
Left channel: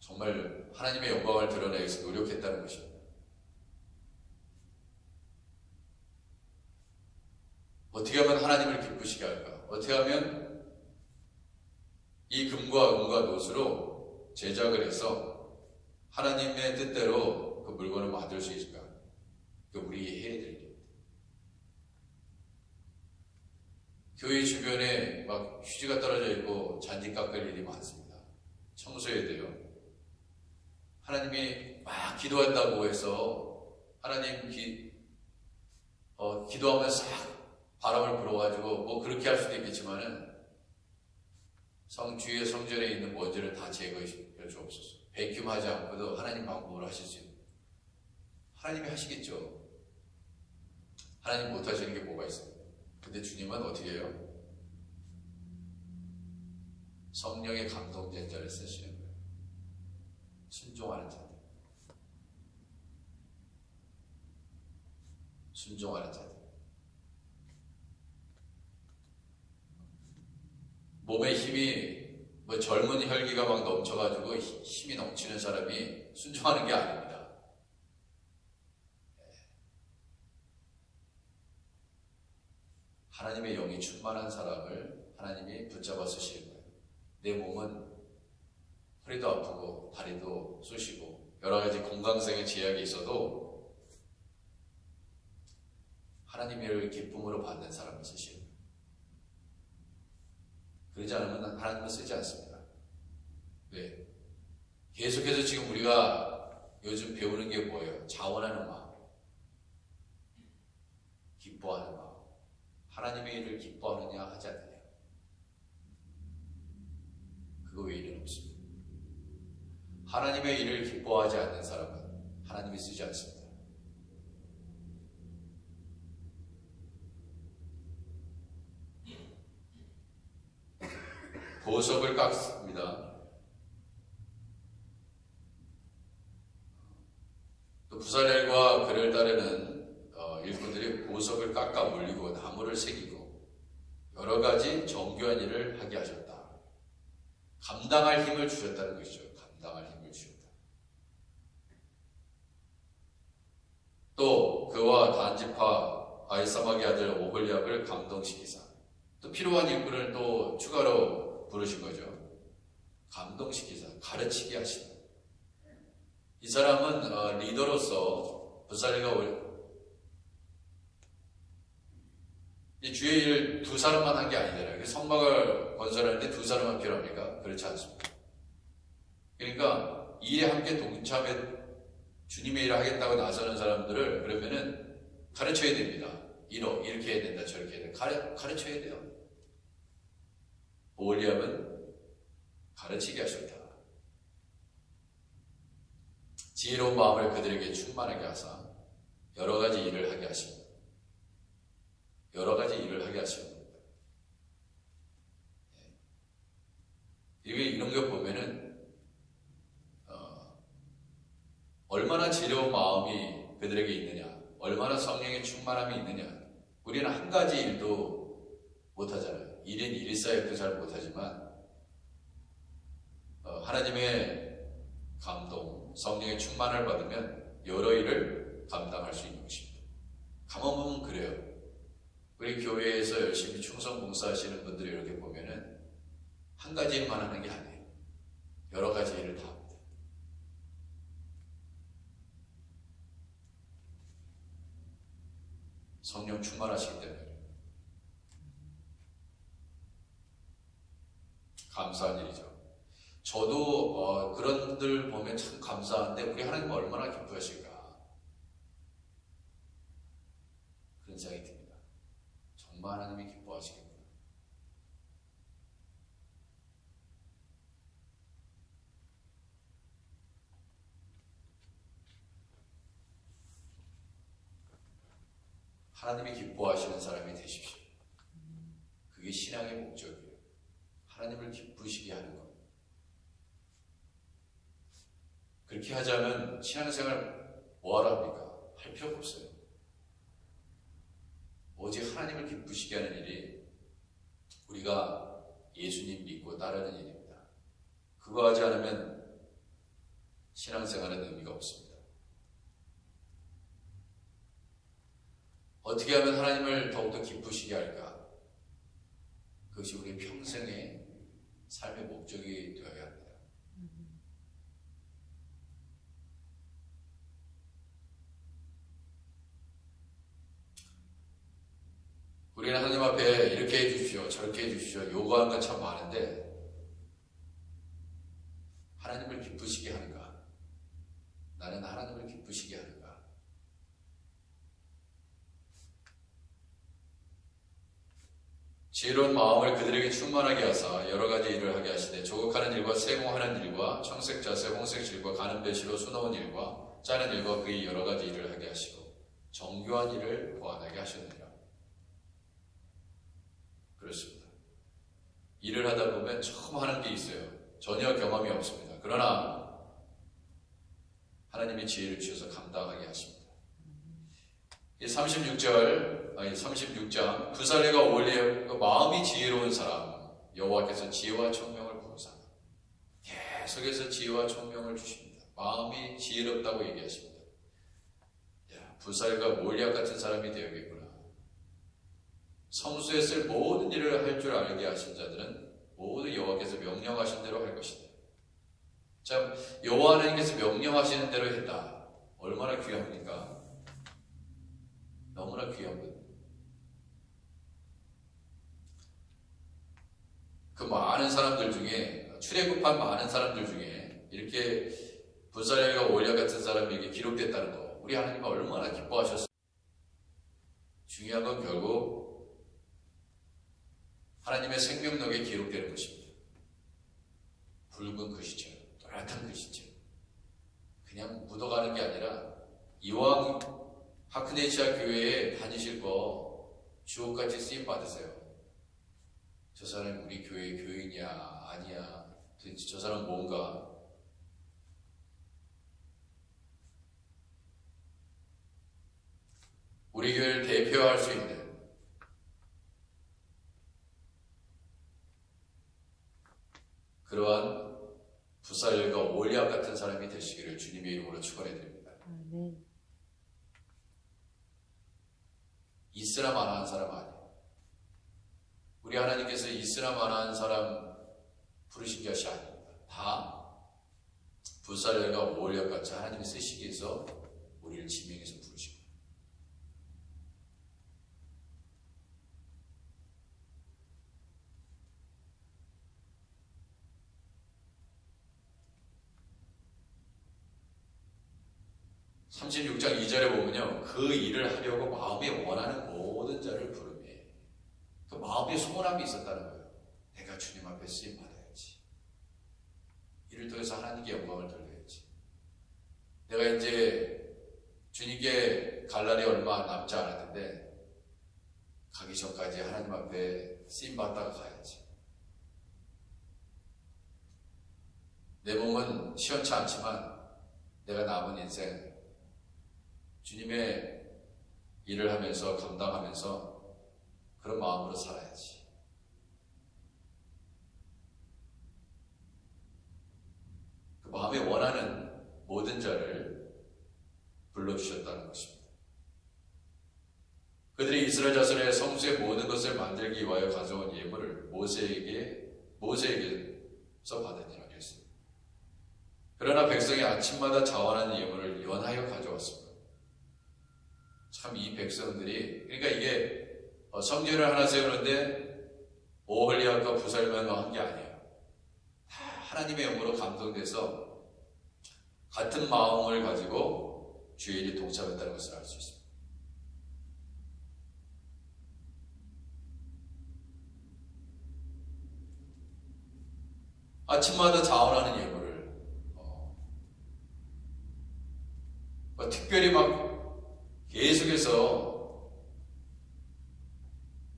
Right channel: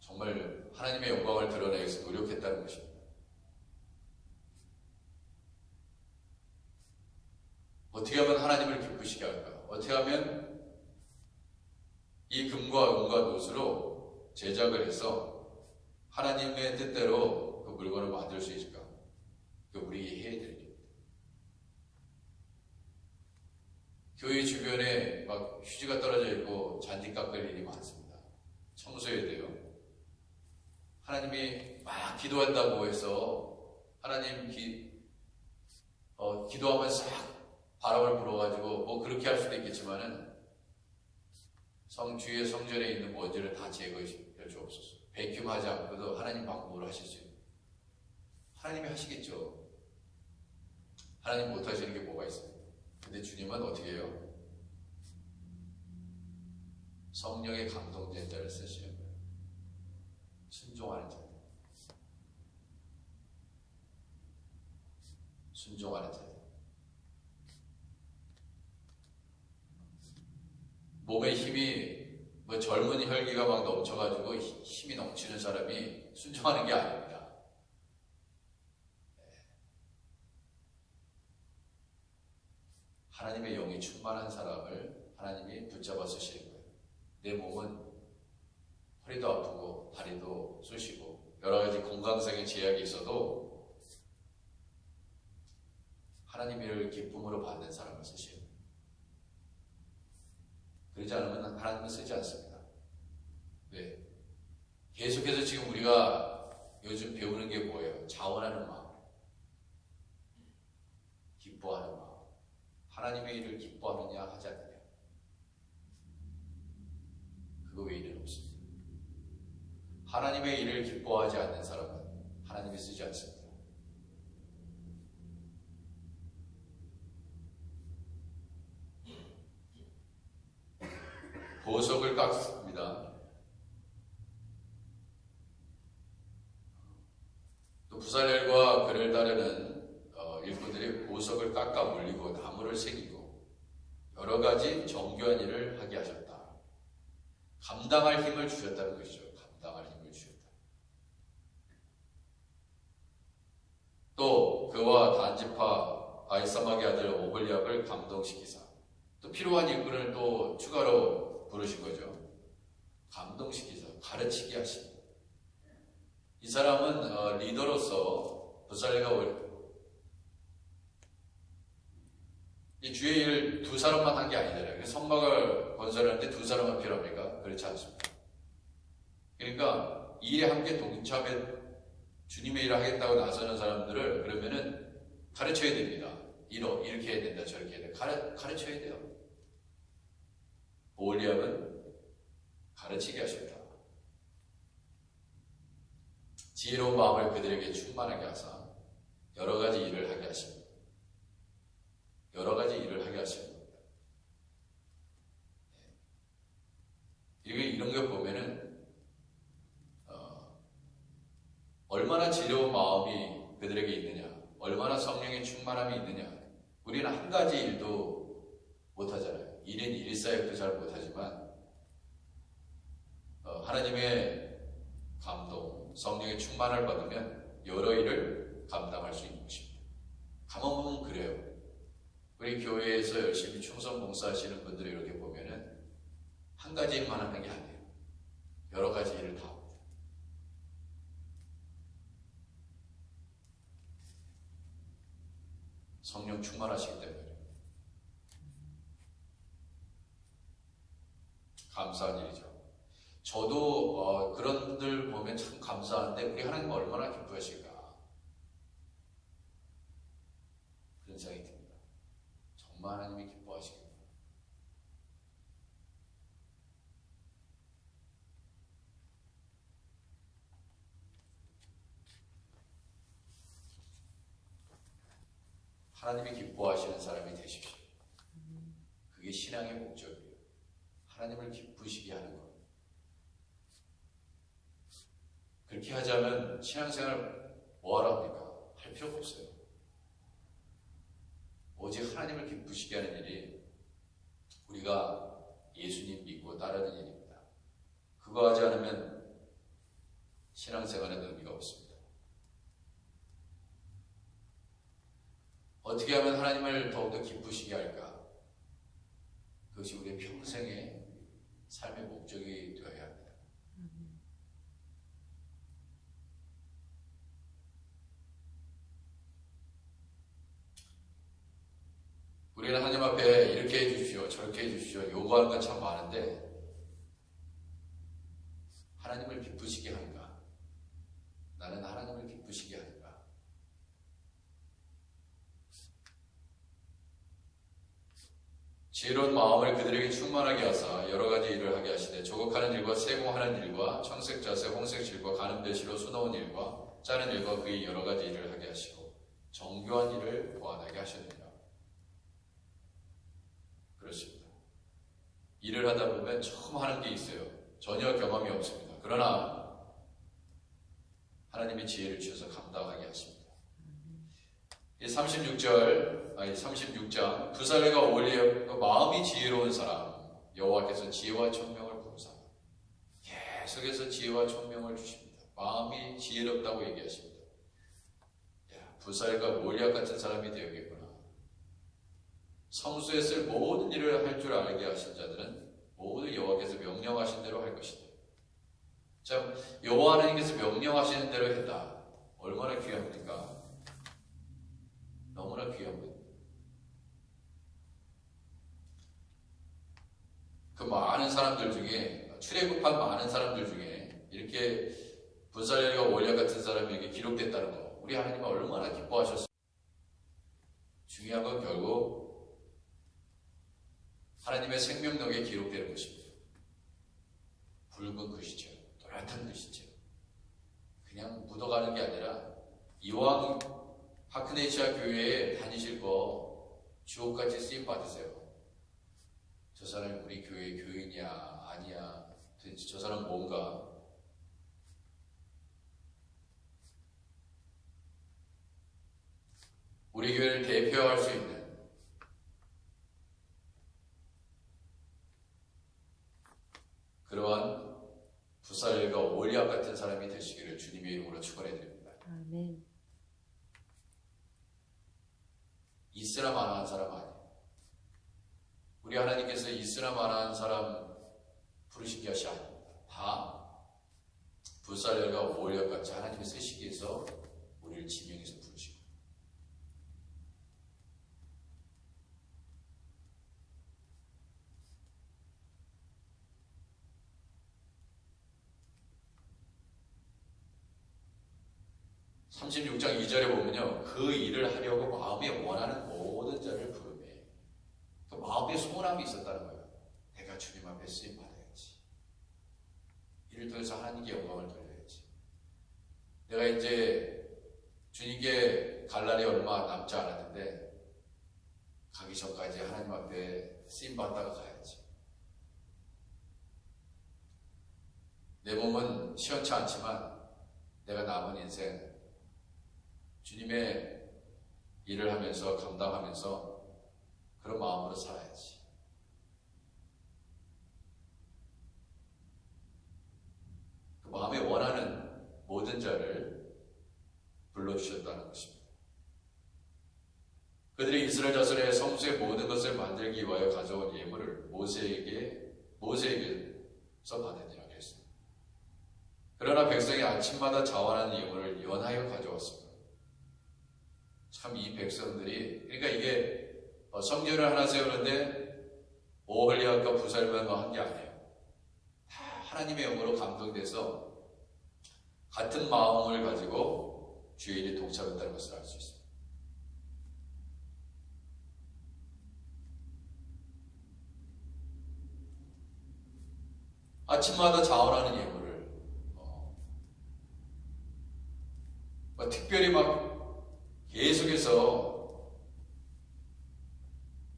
정말 하나님의 영광을 드러내기 위해서 노력했다는 것입니다. 어떻게 하면 하나님을 기쁘시게 할까? 어떻게 하면 이 금과 은과 노수로 제작을 해서 하나님의 뜻대로 그 물건을 만들 수 있을까? 그 우리가 해야 될 일입니다. 교회 주변에 막 휴지가 떨어져 있고 잔디 깎을 일이 많습니다. 청소해야 돼요. 하나님이 막 기도한다고 해서 하나님 기도하면 싹 바람을 불어가지고 뭐 그렇게 할 수도 있겠지만은 주의 성전에 있는 먼지를 다 제거해 주옵소서. 베큐하지 않고도 하나님 방법으로 하실 수 있는 하나님이 하시겠죠. 하나님 못하시는 게 뭐가 있습니까? 근데 주님은 어떻게 해요? 성령의 감동된 자를 쓰시는 거예요. 순종하는 자들. 순종하는 자들. 몸에 힘이 젊은 혈기가 막 넘쳐가지고 힘이 넘치는 사람이 순종하는 게 아닙니다. 하나님의 영이 충만한 사람을 하나님이 붙잡아 쓰시는 거예요. 내 몸은 허리도 아프고 다리도 쑤시고 여러 가지 건강상의 제약이 있어도 하나님의 기쁨으로 받는 사람을 쓰시는 거예요. 그러지 않으면 하나님은 쓰지 않습니다. 왜? 계속해서 지금 우리가 요즘 배우는 게 뭐예요? 자원하는 마음, 기뻐하는 마음. 하나님의 일을 기뻐하느냐 하지 않느냐. 그거 외에는 없습니다. 하나님의 일을 기뻐하지 않는 사람은 하나님이 쓰지 않습니다. 보석을 깎습니다. 또 부살렐과 그를 따르는 일꾼들이 보석을 깎아 물리고 나무를 새기고 여러 가지 정교한 일을 하게 하셨다. 감당할 힘을 주셨다는 것이죠. 감당할 힘을 주셨다. 또 그와 단지파 아히사막의 아들 오홀리압을 감동시키사 또 필요한 일꾼을 또 추가로 부르신 거죠. 감동시키자, 가르치게 하신다. 이 사람은 리더로서 부살레가 이 주의 일 두 사람만 한 게 아니잖아요. 성막을 건설하는데 두 사람만 필요합니까? 그렇지 않습니다. 그러니까 일에 함께 동참해 주님의 일을 하겠다고 나서는 사람들을 그러면은 가르쳐야 됩니다. 이렇게 해야 된다, 저렇게 해야 된다. 가르쳐야 돼요. 오홀리암은 가르치게 하셨다. 지혜로운 마음을 그들에게 충만하게 하사 여러 가지 일을 하게 하십니다. 여러 가지 일을 하게 하십니다. 이런 거 보면은 얼마나 지혜로운 마음이 그들에게 있느냐, 얼마나 성령의 충만함이 있느냐. 우리는 한 가지 일도 못하잖아요. 일인 일사역도 잘 못하지만 하나님의 감동, 성령의 충만을 받으면 여러 일을 감당할 수 있는 것입니다. 가만 보면 그래요. 우리 교회에서 열심히 충성 봉사하시는 분들을 이렇게 보면은 한 가지 일만 하는 게 아니에요. 여러 가지 일을 다 합니다. 성령 충만하시기 때문에 감사한 일이죠. 저도 그런 들 보면 참 감사한데 우리 하나님 얼마나 기뻐하실까 그런 생각이 듭니다. 정말 하나님이 기뻐하시겠구나. 하나님이 기뻐하시는 사람이 되십시오. 그게 신앙의 목적이에요. 하나님을 기쁘시게 하는 것. 그렇게 하자면 신앙생활 뭐하러 합니까? 할 필요가 없어요. 오직 하나님을 기쁘시게 하는 일이 우리가 예수님 믿고 따르는 일입니다. 그거 하지 않으면 신앙생활에는 의미가 없습니다. 어떻게 하면 하나님을 더욱더 기쁘시게 할까? 그것이 우리의 평생의 삶의 목적이 되어야 합니다. 우리는 하나님 앞에 이렇게 해주십시오, 저렇게 해주십시오, 요구하는 건 참 많은데 하나님을 기쁘시게 하는가? 나는 하나님을 기쁘시게 하는가? 지혜로운 마음을 그들에게 충만하게 하사 여러 가지 일을 하게 하시되 조국하는 일과 세공하는 일과 청색자세 홍색질과 가는 배시로 수놓은 일과 짜는 일과 그의 여러 가지 일을 하게 하시고 정교한 일을 보완하게 하셨느니라. 그렇습니다. 일을 하다 보면 처음 하는 게 있어요. 전혀 경험이 없습니다. 그러나 하나님이 지혜를 주셔서 감당하게 하십니다. 36장 부살레가 오홀리의 마음이 지혜로운 사람 여호와께서 지혜와 총명을 부으사 계속해서 지혜와 총명을 주십니다. 마음이 지혜롭다고 얘기하십니다. 부살레가 몰리앗 같은 사람이 되어야겠구나. 성소에 쓸 모든 일을 할 줄 알게 하신 자들은 모두 여호와께서 명령하신 대로 할 것이다. 참 여호와 하나님께서 명령하시는 대로 했다. 얼마나 귀합니까? 너무나 귀한 분. 그 많은 사람들 중에 출애굽한 많은 사람들 중에 이렇게 부살레가 오홀리앗 같은 사람에게 기록됐다는 거 우리 하나님은 얼마나 기뻐하셨어요. 중요한 건 결국 하나님의 생명력에 기록되는 것입니다. 붉은 글씨체, 또렷한 글씨체. 그냥 묻어가는 게 아니라 이왕 하크네시아 교회에 다니실 거 주옥같이 쓰임 받으세요. 저 사람이 우리 교회 교인이야 아니야 도대체 저 사람 뭔가. 우리 교회를 대표할 수 있는 그러한 부살레가 오홀리앗 같은 사람이 되시기를 주님의 이름으로 축원해 드립니다. 아멘. 있으나 마나한 사람 아니에요. 우리 하나님께서 있으나 마나한 사람 부르신 것이 아닙니다. 다 불사령과 오월력같이 하나님이 쓰시기 위해서 우리를 지명해서 부르시고, (36장 2절에) 보면요, 그 일을 하려고 마음에 원하는 모든 자를 부르매, 그 마음에 소원함이 있었다는 거예요. 내가 주님 앞에 쓰임 받아야지, 이를 통해서 하나님께 영광을 돌려야지, 내가 이제 주님께 갈 날이 얼마 남지 않았는데 가기 전까지 하나님 앞에 쓰임 받다가 가야지. 내 몸은 시원치 않지만 내가 남은 인생 주님의 일을 하면서 감당하면서 그런 마음으로 살아야지. 그 마음에 원하는 모든 자를 불러주셨다는 것입니다. 그들이 이스라엘 자손의 성소의 모든 것을 만들기 위하여 가져온 예물을 모세에게서 받으니라 했습니다. 그러나 백성이 아침마다 자원하는 예물을 연하여 가져왔습니다. 참 이 백성들이, 그러니까 이게 성전을 하나 세우는데 오홀리압과 부살만과 한 게 아니에요. 다 하나님의 영으로 감동돼서 같은 마음을 가지고 주의 일에 동참했다는 것을 알 수 있습니다. 아침마다 자원하는 예물을 특별히 막 계속해서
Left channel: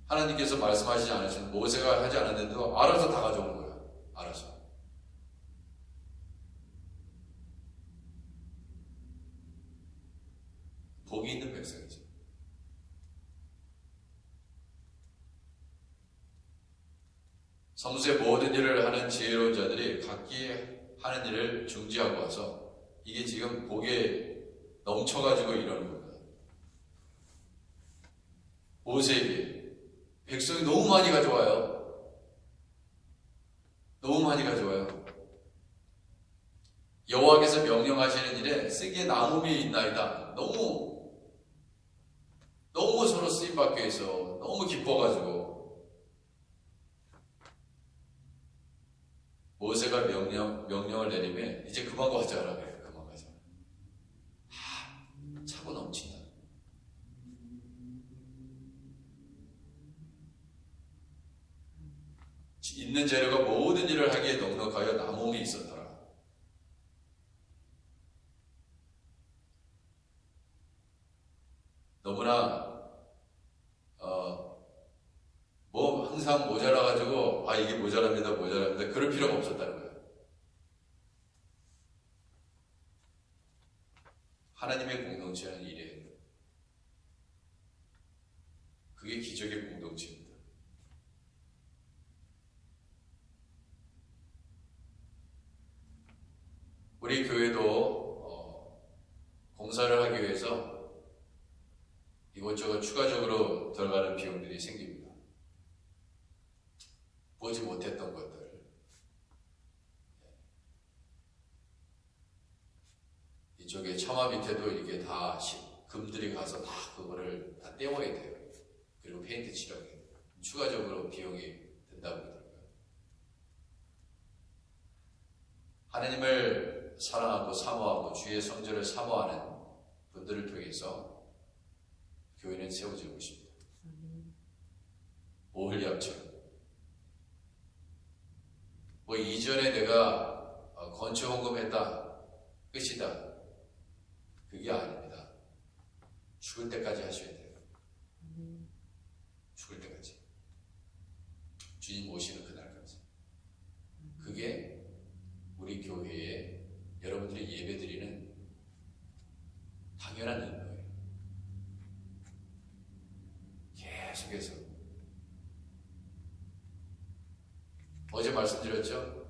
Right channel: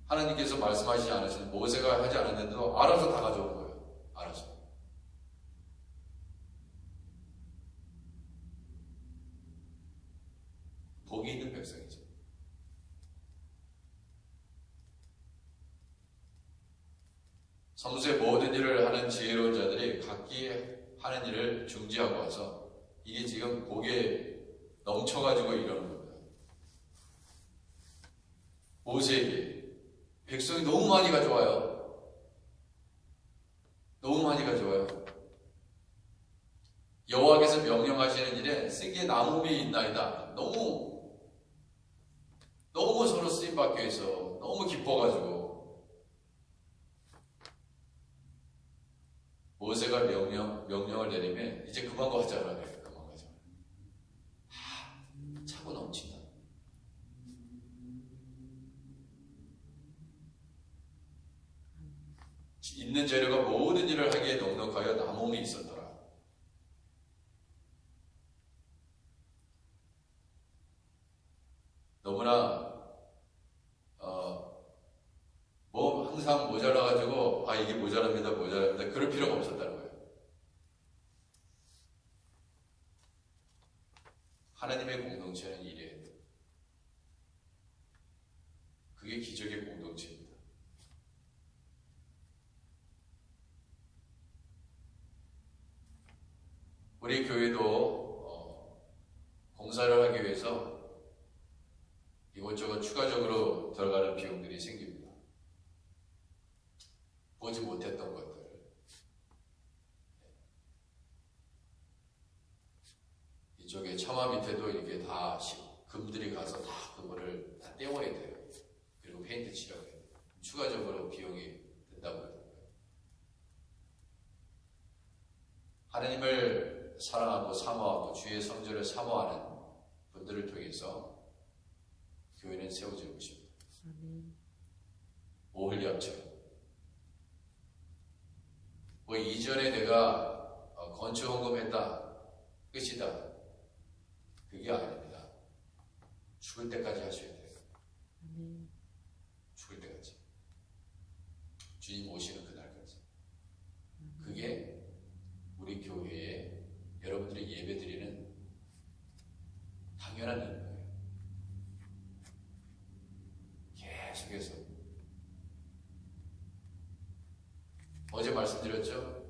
하나님께서 말씀하시지 않으신, 모세가 하지 않았는데도 알아서 다 가져오는 거예요. 알아서. 복이 있는 백성이죠. 성수의 모든 일을 하는 지혜로운 자들이 각기 하는 일을 중지하고 와서 이게 지금 복에 넘쳐가지고 이러는 겁니다. 모세에게 백성이 너무 많이 가져와요. 너무 많이 가져와요. 여호와께서 명령하시는 일에 쓰기에 남음이 있나이다. 너무 서로 쓰임받기 위해서 너무 기뻐가지고 모세가 명령을 내리면 이제 그만 가자라 그래요. 그만 가자. 차고 넘친다. 있는 재료가 모든 일을 하기에 넉넉하여 남음이 있었더라. 너무나 뭐 항상 모자라가지고 이게 모자랍니다 그럴 필요가 없었다는 거예요. 하나님의 공동체는 이래요. 그게 기적의 공동체입니다. 우리 교회도 공사를 하기 위해서 이것저것 추가적으로 들어가는 비용들이 생깁니다. 보지 못했던 것들, 이쪽에 처마 밑에도 이렇게 다 금들이 가서 다 그거를 다 떼워야 돼요. 그리고 페인트 칠하게 돼요. 추가적으로 비용이 든다고 그러더라고요. 하나님을 사랑하고 사모하고 주의 성전을 사모하는 분들을 통해서 교회는 세워지고 있습니다. 오홀리압처럼. 뭐 이전에 내가 건축 헌금했다 끝이다, 그게 아닙니다. 죽을 때까지 하셔야 돼요. 죽을 때까지, 주님 오시는 그날까지. 그게 우리 교회에 여러분들이 예배드리는 당연한 의무예요. 계속해서 어제 말씀드렸죠?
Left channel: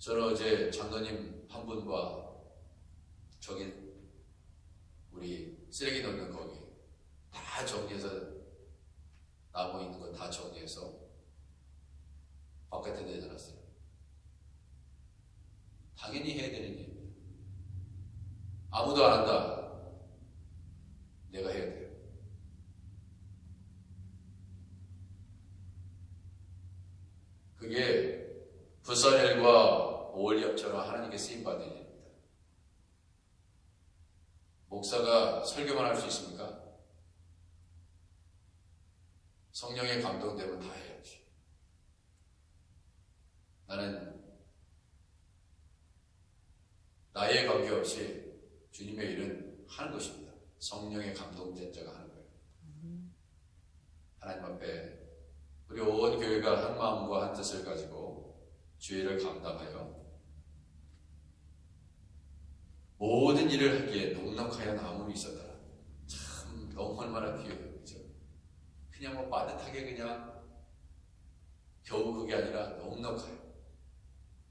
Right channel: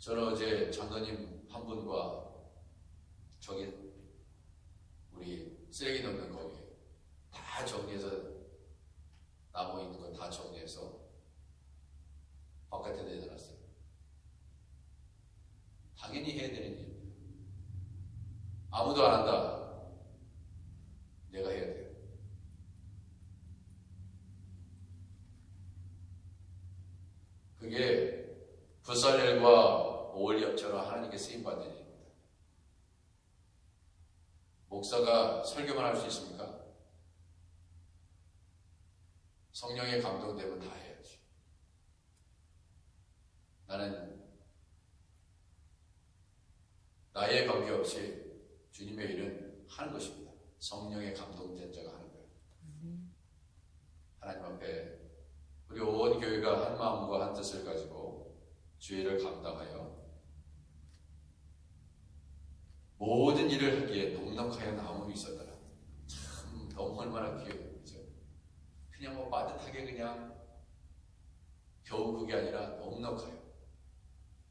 저는 어제 장로님 한 분과 저기 우리 쓰레기 넣는 거기 다 정리해서 나무 있는 거 다 정리해서 바깥에 내려놨어요. 당연히 해야 되는 일입니다. 아무도 안 한다. 내가 해야 돼요. 그게 부산일과 오월협처럼 하나님께 쓰임받는 일입니다. 목사가 설교만 할 수 있습니까? 성령의 감동되면 다 해야지. 나는 나이에 관계없이 주님의 일은 하는 것입니다. 성령의 감동된 자가 하는 거예요. 하나님 앞에 우리 온 교회가 한 마음과 한 뜻을 가지고 주의를 감당하여 모든 일을 하기에 넉넉하여 남음이 있었더라. 참 너무 얼마나 귀해요. 그죠? 그냥 뭐 빠듯하게 그냥 겨우 그게 아니라 넉넉해요.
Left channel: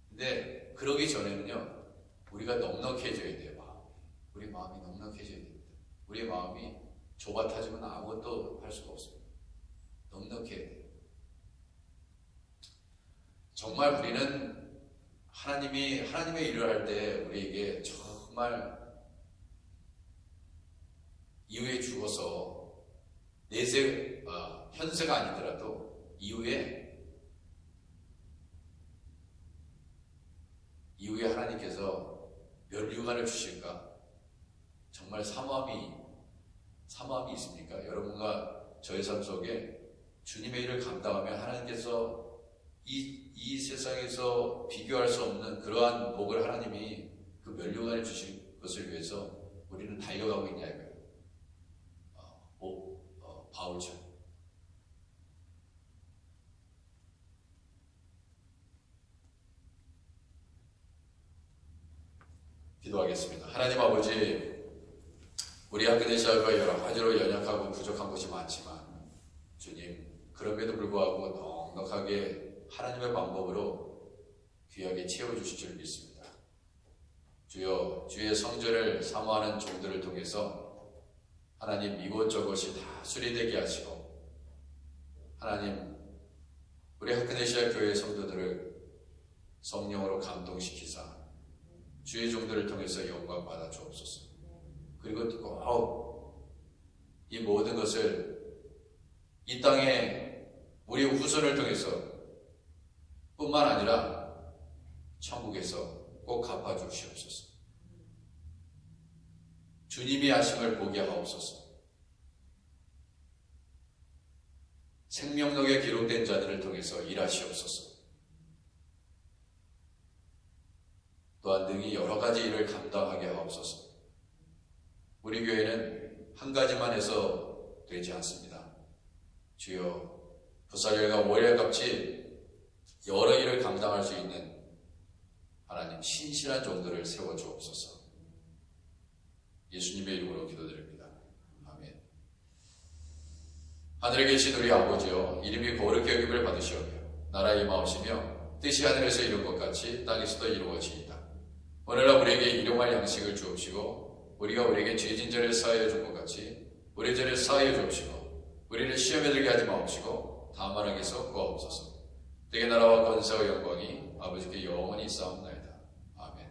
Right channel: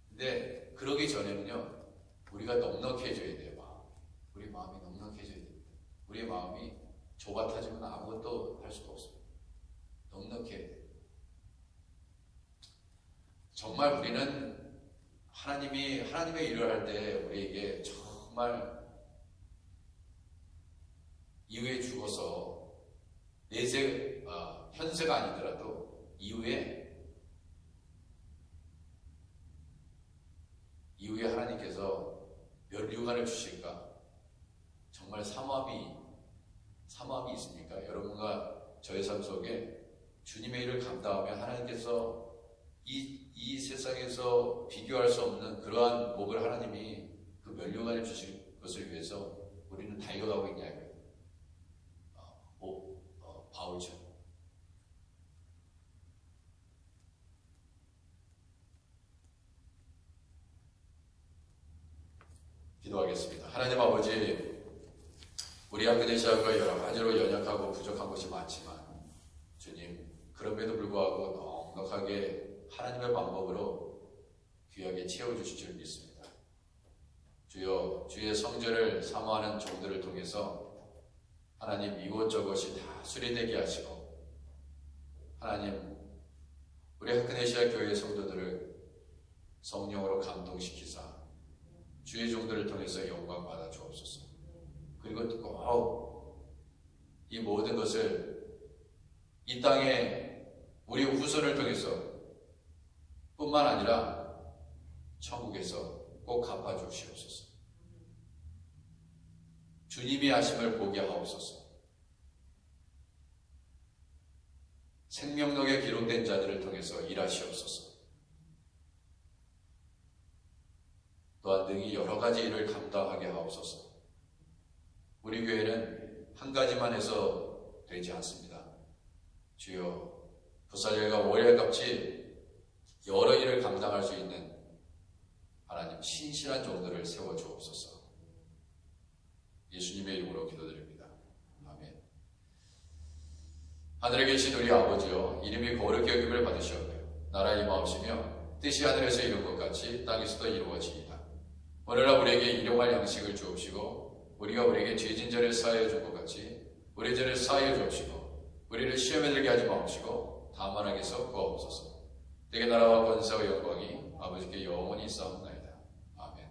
근데 그러기 전에는요, 우리가 넉넉해져야 돼요. 우리 마음이 넉넉해져야 됩니다. 우리의 마음이 좁아타지면 아무것도 할 수가 없습니다. 넉넉해야 돼요. 정말 우리는 하나님의 일을 할 때 우리에게 정말 이후에 죽어서 현세가 아니더라도 이후에 하나님께서 면류관을 주실까? 정말 사모함이 있습니까? 여러분과 저의 삶 속에 주님의 일을 감당하며 하나님께서 이 세상에서 비교할 수 없는 그러한 복을 하나님이 그 면류관을 주실 것을 위해서 우리는 달려가고 있냐 이거예요. 바울처럼. 기도하겠습니다. 하나님 아버지, 우리 학교대사가 여러 가지로 연약하고 부족한 것이 많지만 주님, 그럼에도 불구하고 넉넉하게 하나님의 방법으로 귀하게 채워주실 줄 믿습니다. 주여, 주의 성전을 사모하는 종들을 통해서 하나님 이곳저곳이 다 수리되게 하시고, 하나님 우리 하크네시아 교회 성도들을 성령으로 감동시키사 주의 종들을 통해서 영광 받아 주옵소서. 그리고 꼭 이 모든 것을 이 땅에 우리 후손을 통해서 뿐만 아니라 천국에서 꼭 갚아 주시옵소서. 주님이 하심을 보게 하옵소서. 생명록에 기록된 자들을 통해서 일하시옵소서. 또한 능히 여러 가지 일을 감당하게 하옵소서. 우리 교회는 한 가지만 해서 되지 않습니다. 주여, 부살열과 월열같이 여러 일을 감당할 수 있는 하나님 신실한 종들을 세워 주옵소서. 예수님의 이름으로 기도드립니다. 아멘. 하늘에 계신 우리 아버지여, 이름이 거룩히 여김을 받으시오며 나라의 임하옵시며 뜻이 하늘에서 이룬 것 같이 땅에서도 이루어지이다. 오늘날 우리에게 일용할 양식을 주옵시고, 우리가 우리에게 죄진 자를 사하여 준 것 같이 우리 죄를 사하여 주옵시고, 우리를 시험에 들게 하지 마옵시고 다만 악에서 구하옵소서. 내게 나라와 권세와 영광이 아버지께 영원히 있사옵나이다. 아멘.